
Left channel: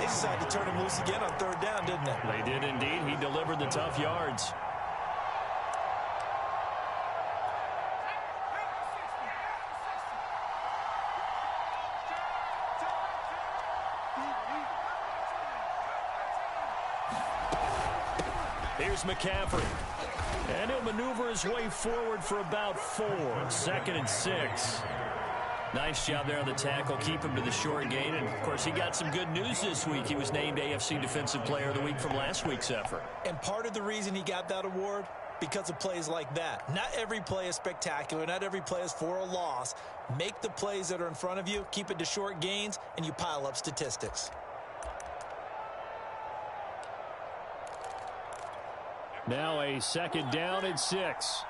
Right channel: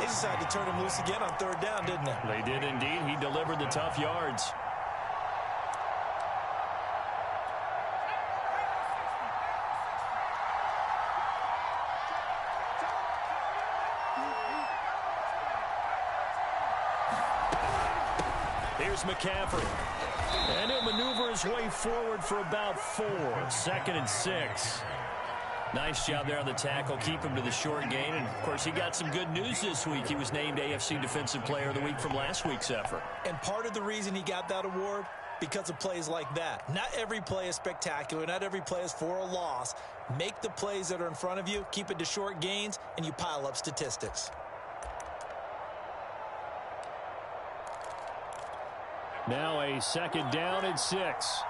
They decided to turn him loose again on third down, didn't they? They did indeed. He delivered the tough yards. Here's McCaffrey. And he'll maneuver his way forward for about 4. 2nd and 6. Nice job there on the tackle. Keep him to the short gain. And, of course, he got some good news this week. He was named AFC Defensive Player of the Week from last week's effort. And part of the reason he got that award, because of plays like that. Not every play is spectacular. Not every play is for a loss. Make the plays that are in front of you, keep it to short gains, and you pile up statistics. Now a 2nd down and 6.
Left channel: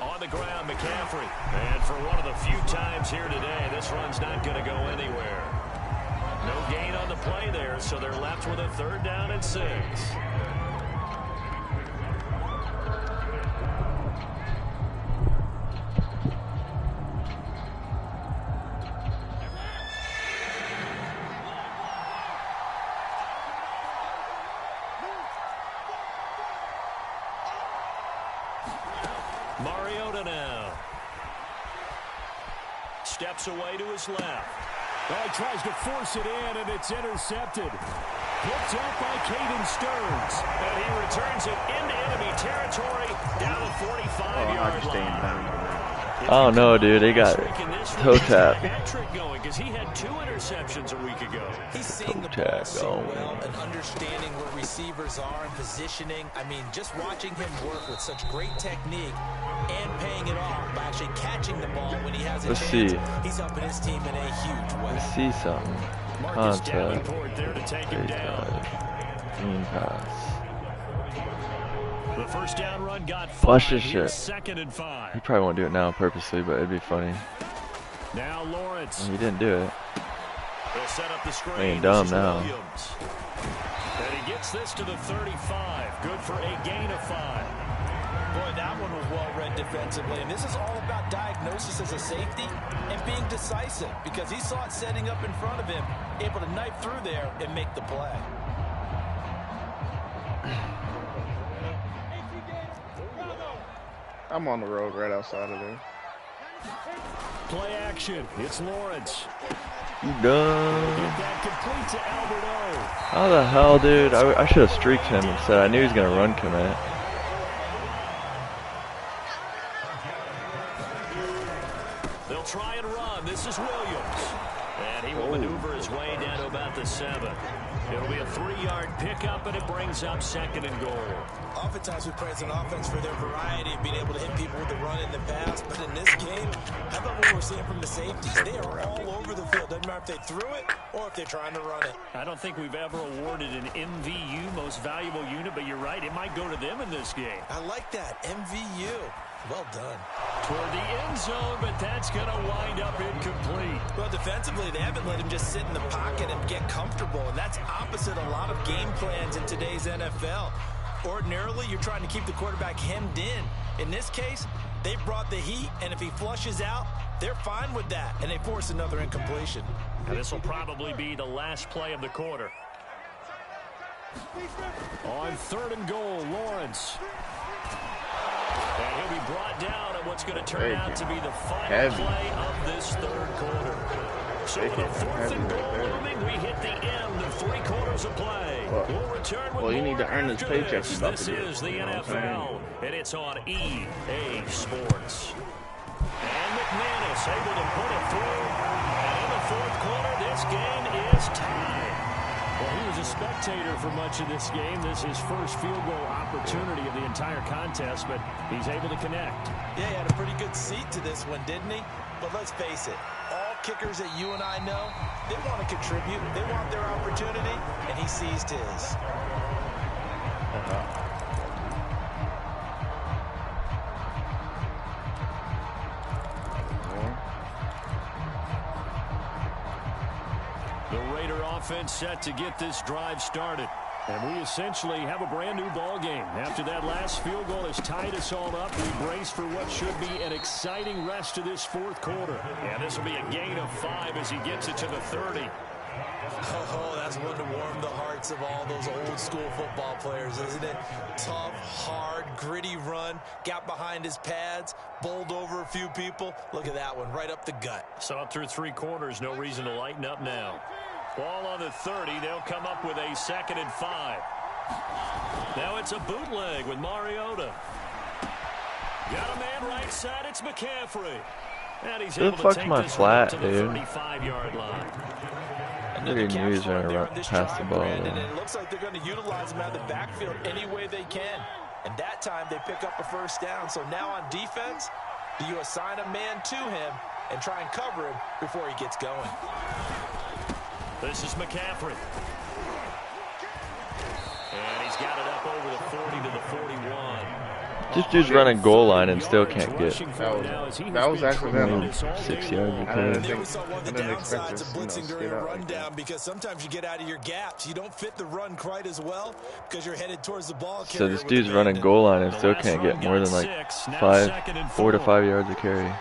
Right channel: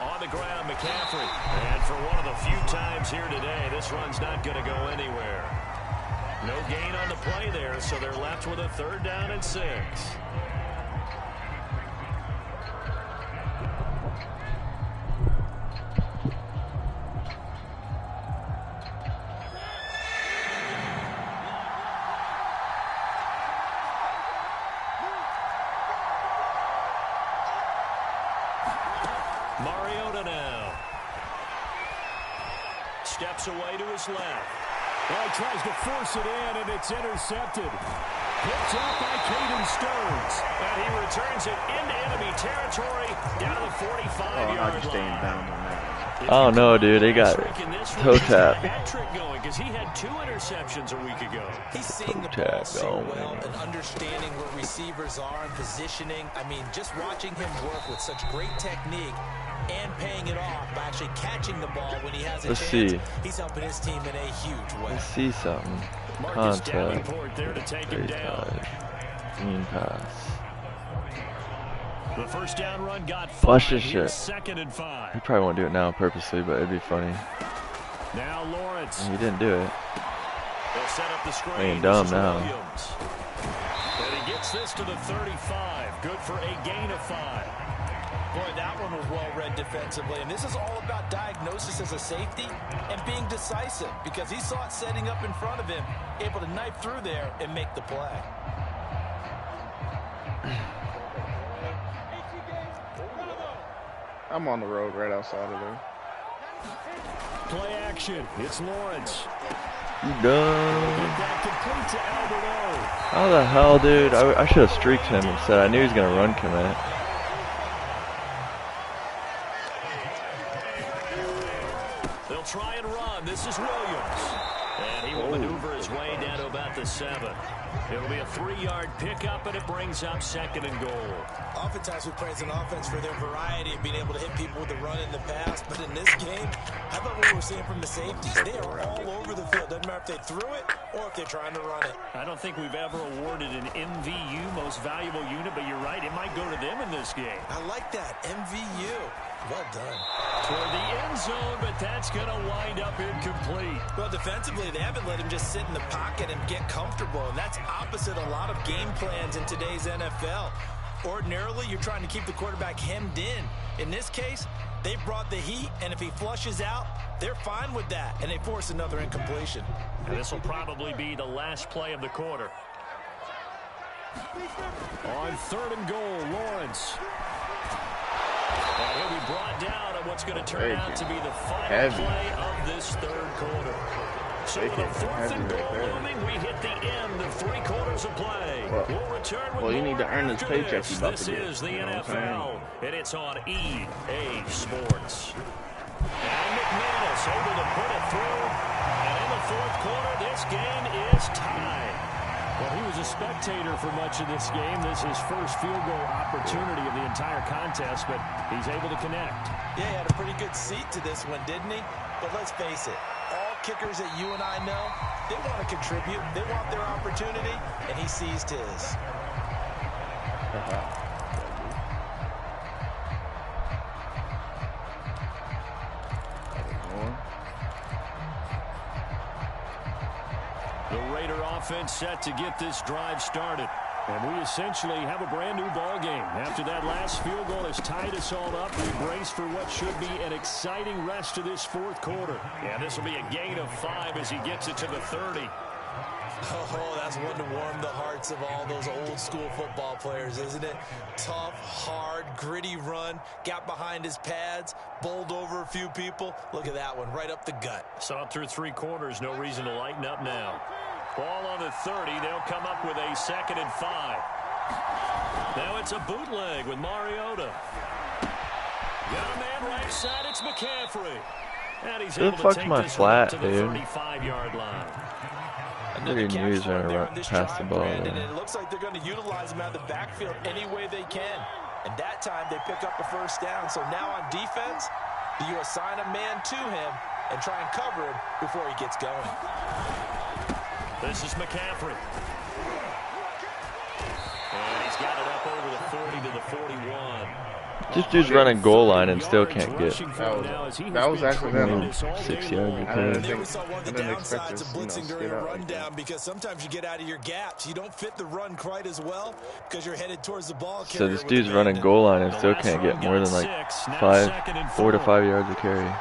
On the ground, McCaffrey. And for one of the few times here today, this run's not going to go anywhere. No gain on the play there, so they're left with a 3rd down and 6. Mariota now. Steps away to his left. Well, he tries to force it in, and it's intercepted. Picked up by Caden Stearns. And he returns it into enemy territory down the 45-yard line. Oh no, dude, they got toe tap. Going because he had 2 interceptions a week ago. He's seeing the ball so well and understanding where receivers are and positioning. I mean, just watching him work with such great technique and paying it off by actually catching the ball when he has a chance. He's helping his team in a huge way. Let's see something. Marcus Davenport there to take him down. Green pass. The first down run got 5. Flush this shit. 2nd and 5. He probably won't do it now purposely, but it'd be funny. Now Lawrence. And he didn't do it. They'll set up the screen. Playing dumb now. Williams. And he gets this to the 35. Good for a gain of 5. Boy, that one was well read defensively. And this is all about diagnosis as a safety and being decisive, because he saw it setting up in front of him, able to knife through there and make the play. I'm on the road right outside of there. Play action. It's Lawrence. You done? Get that complete to Albert O. How the hell, dude? I should have streaked him instead. I knew he was going to run commit. They'll try and run. This is Williams. And he will maneuver his way down to about the 7. It'll be a 3-yard pickup, and it brings up 2nd and goal. Oftentimes we praise an offense for their variety of being able to hit people with the run in the pass. But in this game, how about what we're seeing from the safeties? They are all over the field. Doesn't matter if they threw it or if they're trying to run it. I don't think we've ever awarded an MVU, most valuable unit, but you're right. It might go to them in this game. I like that. MVU. Well done. Toward the end zone, but that's going to wind up incomplete. Well, defensively, they haven't let him just sit in the pocket and get comfortable, and that's opposite a lot of game plans in today's NFL. Ordinarily, you're trying to keep the quarterback hemmed in. In this case, they brought the heat, and if he flushes out, they're fine with that, and they force another incompletion. And this will probably be the last play of the quarter. On 3rd and goal, Lawrence. And he'll be brought down at what's going to turn out to be the final play of this 3rd quarter. So with a 4th and goal looming, we hit the end of 3 quarters of play. We'll return with you need to earn this paycheck. This is the NFL, and it's on EA Sports. And McManus able to put it through. And in the 4th quarter, this game is tied. Well, he was a spectator for much of this game. This is his first field goal opportunity of the entire contest, but he's able to connect. Yeah, he had a pretty good seat to this one, didn't he? But let's face it, all kickers that you and I know, they want to contribute. They want their opportunity, and he seized his. The Raider offense set to get this drive started. And we essentially have a brand new ball game. After that last field goal has tied us all up, we brace for what should be an exciting rest of this fourth quarter. And this will be a gain of 5 as he gets it to the 30. Oh, that's one to warm the hearts of all those old school football players, isn't it? Tough, hard, gritty run, got behind his pads, bowled over a few people. Look at that one, right up the gut. Saw it through 3 quarters, no reason to lighten up now. Ball on the 30, they'll come up with a 2nd and 5. Now it's a bootleg with Mariota. Got a man right side, it's McCaffrey. And he's able to take this one to the 35-yard line. Another knew he was going to pass the ball there. And it looks like they're going to utilize him out of the backfield any way they can. And that time they pick up a first down. So now on defense, do you assign a man to him and try and cover him before he gets going? This is McCaffrey. And he's got it up over the 40 to the 41. This dude's running goal line and still can't get. That was accidental. 6 yards. I didn't expect this, blitzing during a rundown because sometimes you get out of your gaps. You don't fit the run quite as well because you're headed towards the ball. So this dude's running goal line and still can't get more than like 4 to 5 yards of carry.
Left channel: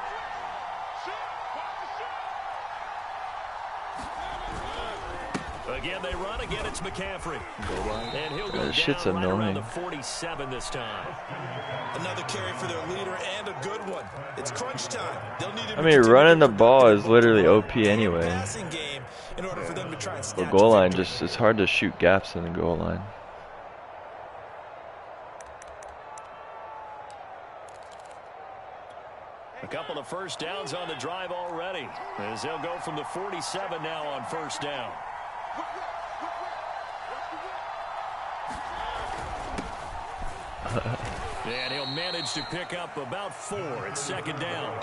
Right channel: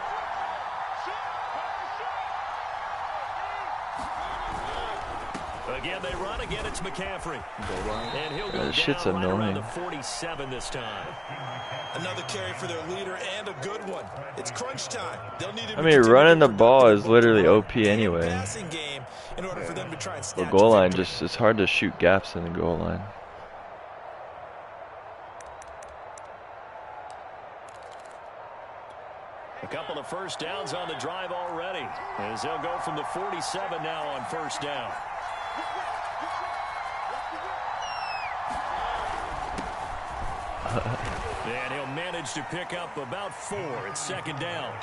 Again, they run. Again, it's McCaffrey. And he'll go This shit's down right around annoying. the 47 this time. Another carry for their leader and a good one. It's crunch time. They'll need him. I mean, running the ball is literally OP anyway. In order for them to try and The goal line just, it's hard to shoot gaps in the goal line. A couple of first downs on the drive already, as they'll go from the 47 now on first down. And he'll manage to pick up about 4. It's 2nd down.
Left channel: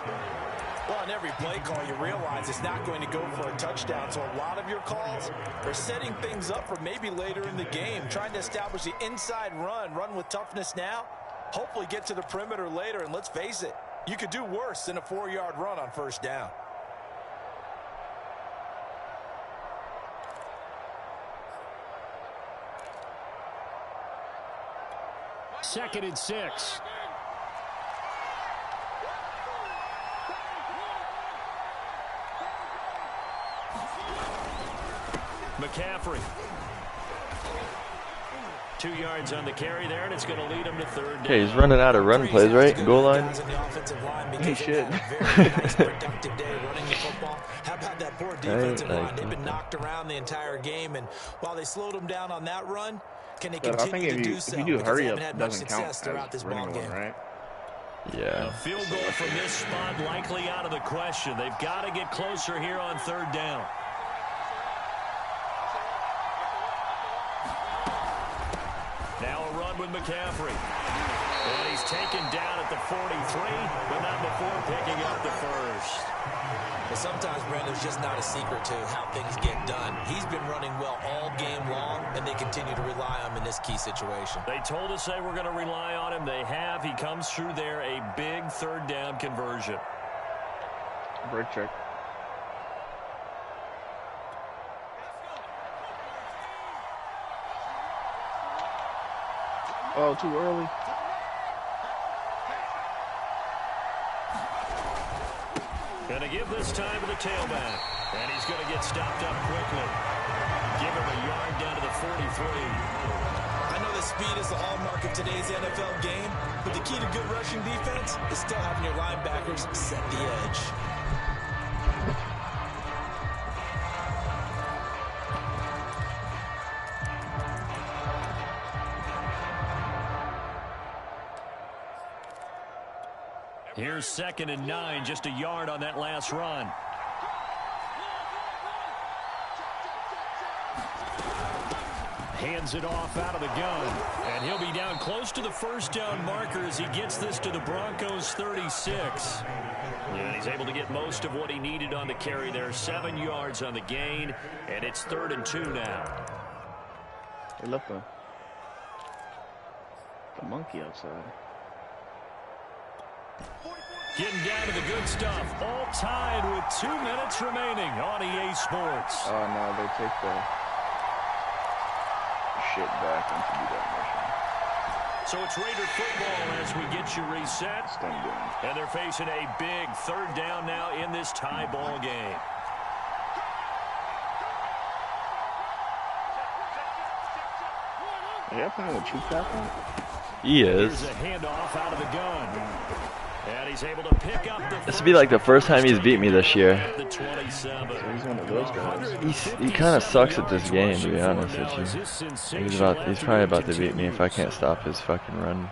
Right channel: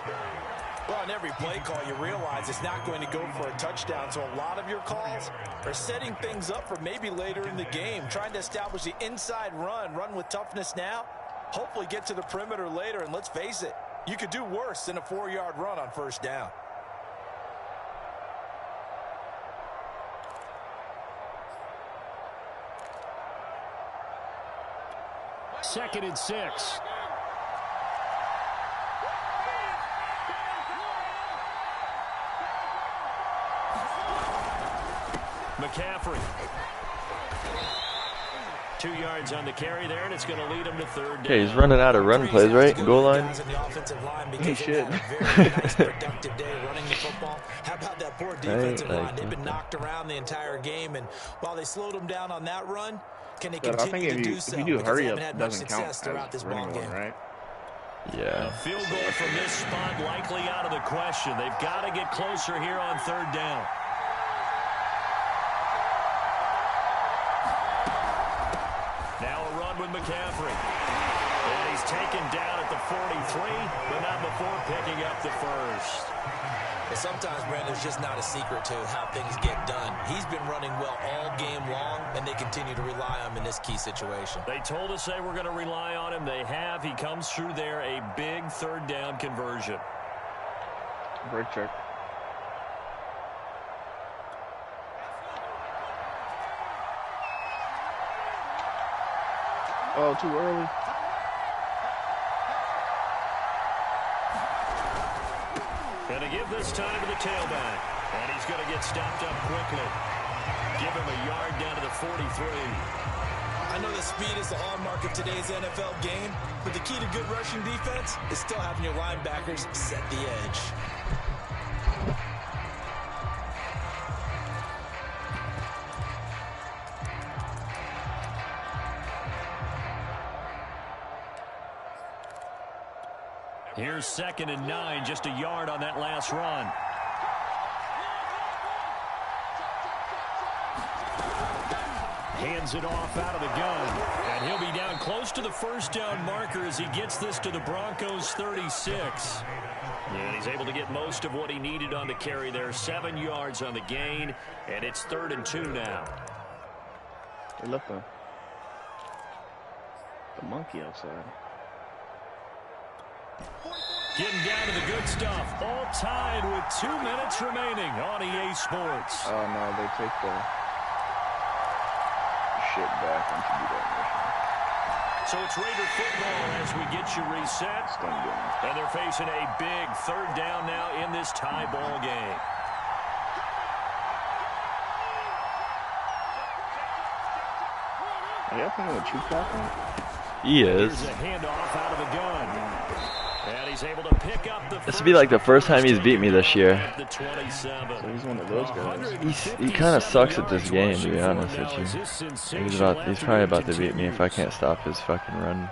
Well, on every play call, you realize it's not going to go for a touchdown. So a lot of your calls are setting things up for maybe later in the game, trying to establish the inside run with toughness now, hopefully get to the perimeter later. And let's face it, you could do worse than a 4-yard run on first down. Second and 6. McCaffrey. 2 yards on the carry there, and it's going to lead him to 3rd down. Okay, he's running out of run plays, right? Goal line. He should. How about that poor defensive line? They've been knocked around the entire game, and while they slowed them down on that run, can they continue to do so? If you do hurry up, it doesn't count as running one, right? Yeah. A field goal from this spot likely out of the question. They've got to get closer here on 3rd down. Now a run with McCaffrey. And he's taken down at the 43, but not before picking up the first. And sometimes, Brandon, it's just not a secret to how things get done. He's been running well all game long, and they continue to rely on him in this key situation. They told us they were going to rely on him. They have. He comes through there, a big 3rd down conversion. Break check. Oh, too early. Going to give this time to the tailback. And he's going to get stopped up quickly. Give him a yard down to the 43. I know that speed is the hallmark of today's NFL game, but the key to good rushing defense is still having your linebackers set the edge. Here's 2nd and 9, just a yard on that last run. Hands it off out of the gun, and he'll be down close to the first down marker as he gets this to the Broncos 36. And he's able to get most of what he needed on the carry there. 7 yards on the gain, and it's 3rd and 2 now. They left the monkey outside. Getting down to the good stuff. All tied with 2 minutes remaining on EA Sports. Oh, no, they take the shit back and to do that mission. So it's Raider football as we get you reset. And they're facing a big 3rd down now in this tie ball game. Are you playing with Chief Captain? He is. Here's a handoff out of the gun. And he's able to pick up the This will be like the first time he's beat me this year. at the 27. So he's one of those guys. He kind of sucks at this game, to be honest with you. He's probably about to beat me if I can't stop his fucking run.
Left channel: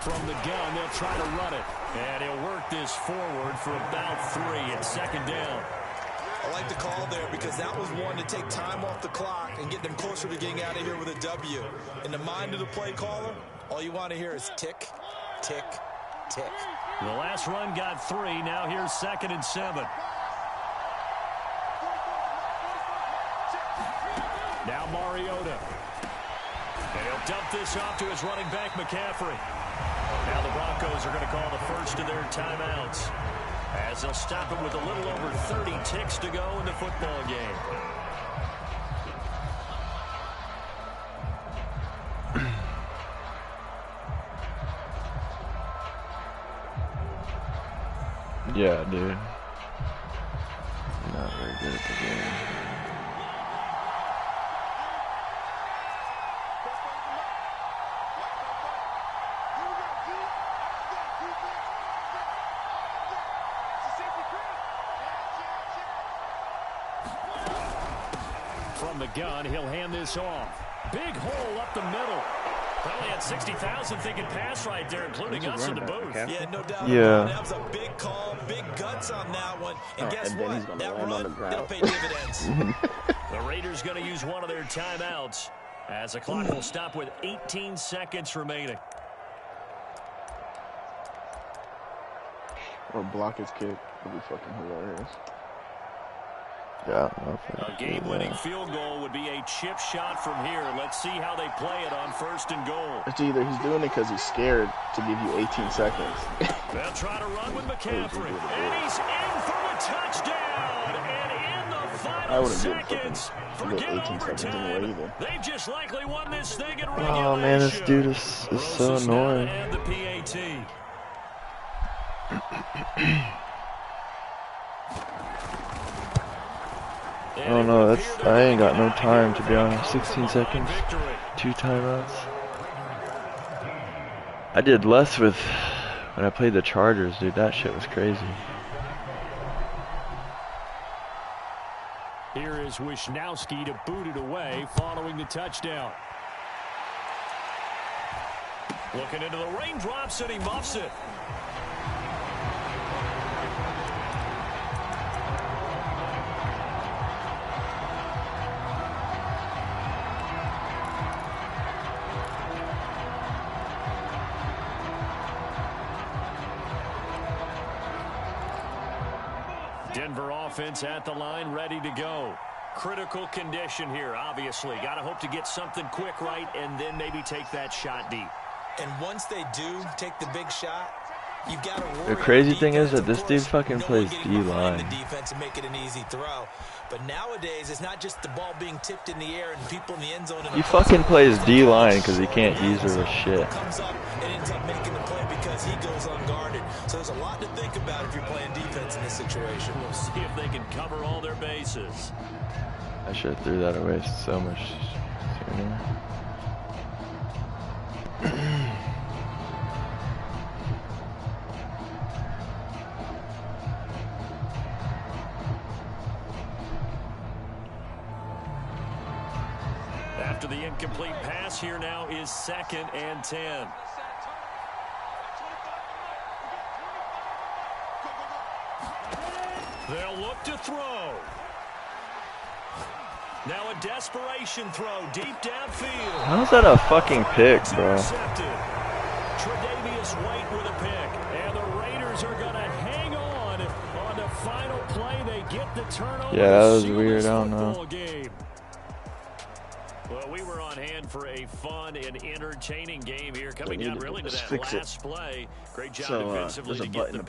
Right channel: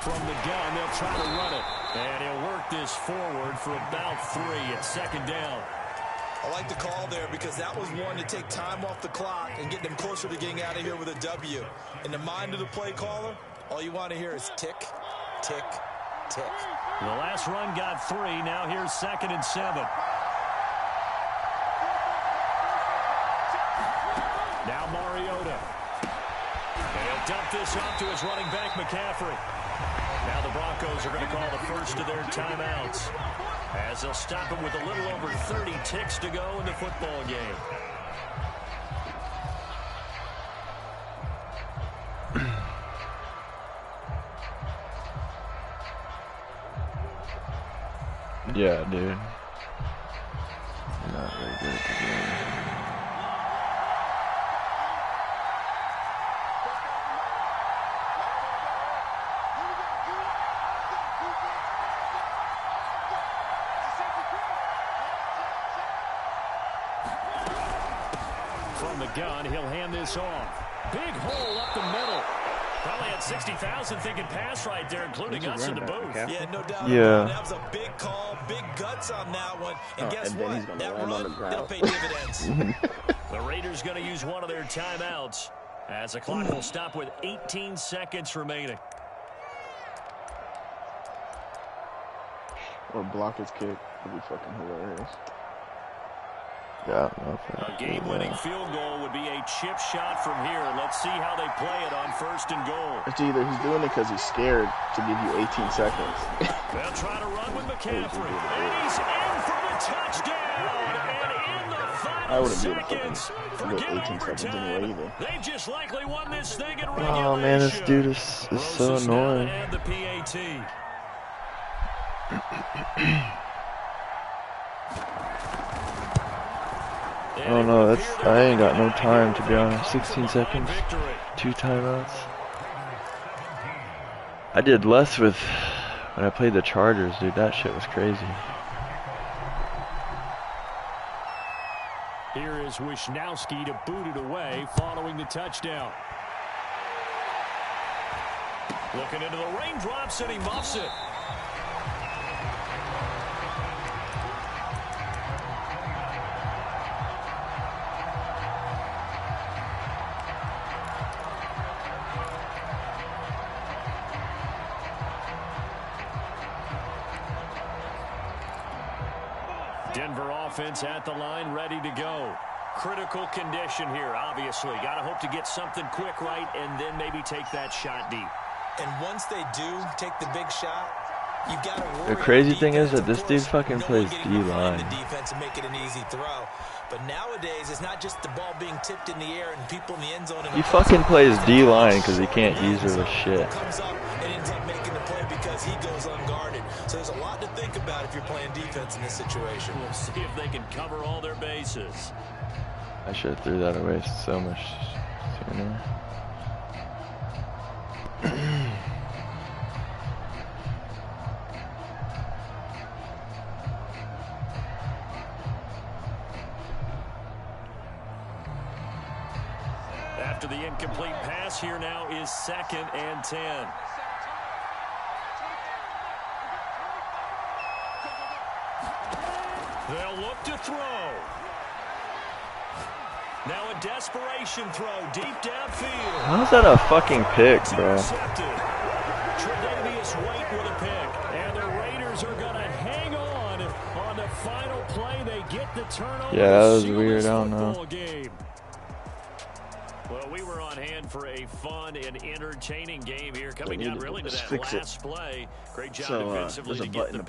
From the gun, they'll try to run it. And he'll work this forward for about 3. It's 2nd down. I like the call there because that was one to take time off the clock and get them closer to getting out of here with a W. In the mind of the play caller, all you want to hear is tick, tick, tick. The last run got 3. Now here's 2nd and 7. Now Mariota. And he'll dump this off to his running back, McCaffrey. Now the Broncos are going to call the first of their timeouts, as they'll stop him with a little over 30 ticks to go in the football game. Yeah, dude. Not very good at the game. From the gun, he'll hand this off. Big hole up the middle. Probably had 60,000 thinking pass right there, including us in the booth. Yeah, no doubt. Yeah. That was a big call, big guts on that one. And guess and then what? he's gonna That land on the run, ground. it'll pay dividends. The Raiders going to use one of their timeouts, as the clock will stop with 18 seconds remaining. Or block his kick. Would be fucking hilarious. Yeah. A game-winning field goal would be a chip shot from here. Let's see how they play it on 1st and goal. It's either he's doing it because he's scared to give you 18 seconds. They'll try to run with McCaffrey. And he's in for the touchdown. And in the I final wouldn't be able to seconds, fucking get 18 seconds anyway either. They just likely won this thing in regulation. Oh man, this dude is so annoying. And the PAT. Oh no, I ain't got no time, to be honest. 16 seconds, 2 timeouts. I did less with when I played the Chargers, dude. That shit was crazy. Here is Wisnowski to boot it away following the touchdown. Looking into the raindrops, and he muffs it. Denver offense at the line, ready to go. Critical condition here, obviously. Got to hope to get something quick right and then maybe take that shot deep. And once they do take the big shot, you've got to worry. The crazy thing is defense, that this dude fucking plays D-line. The defense and make it an easy throw. But nowadays, it's not just the ball being tipped in the air and people in the end zone. He fucking plays D-line because he can't use her with shit. Comes up and ends up making the play because he goes unguarded. So there's a lot to think about if you're playing defense in this situation. We'll see if they can cover all their bases. I should have threw that away so much sooner. After the incomplete pass, here now is 2nd and 10. They'll look to throw. Now a desperation throw deep downfield. How's that a fucking pick, bro? Tre'Davious White with a pick. And the Raiders are going to hang on the final play. They get the turnover. Yeah, that was weird. I don't know. Game. Well, we were on hand for a fun and entertaining game here. Coming down really to that last play. Great job defensively to get the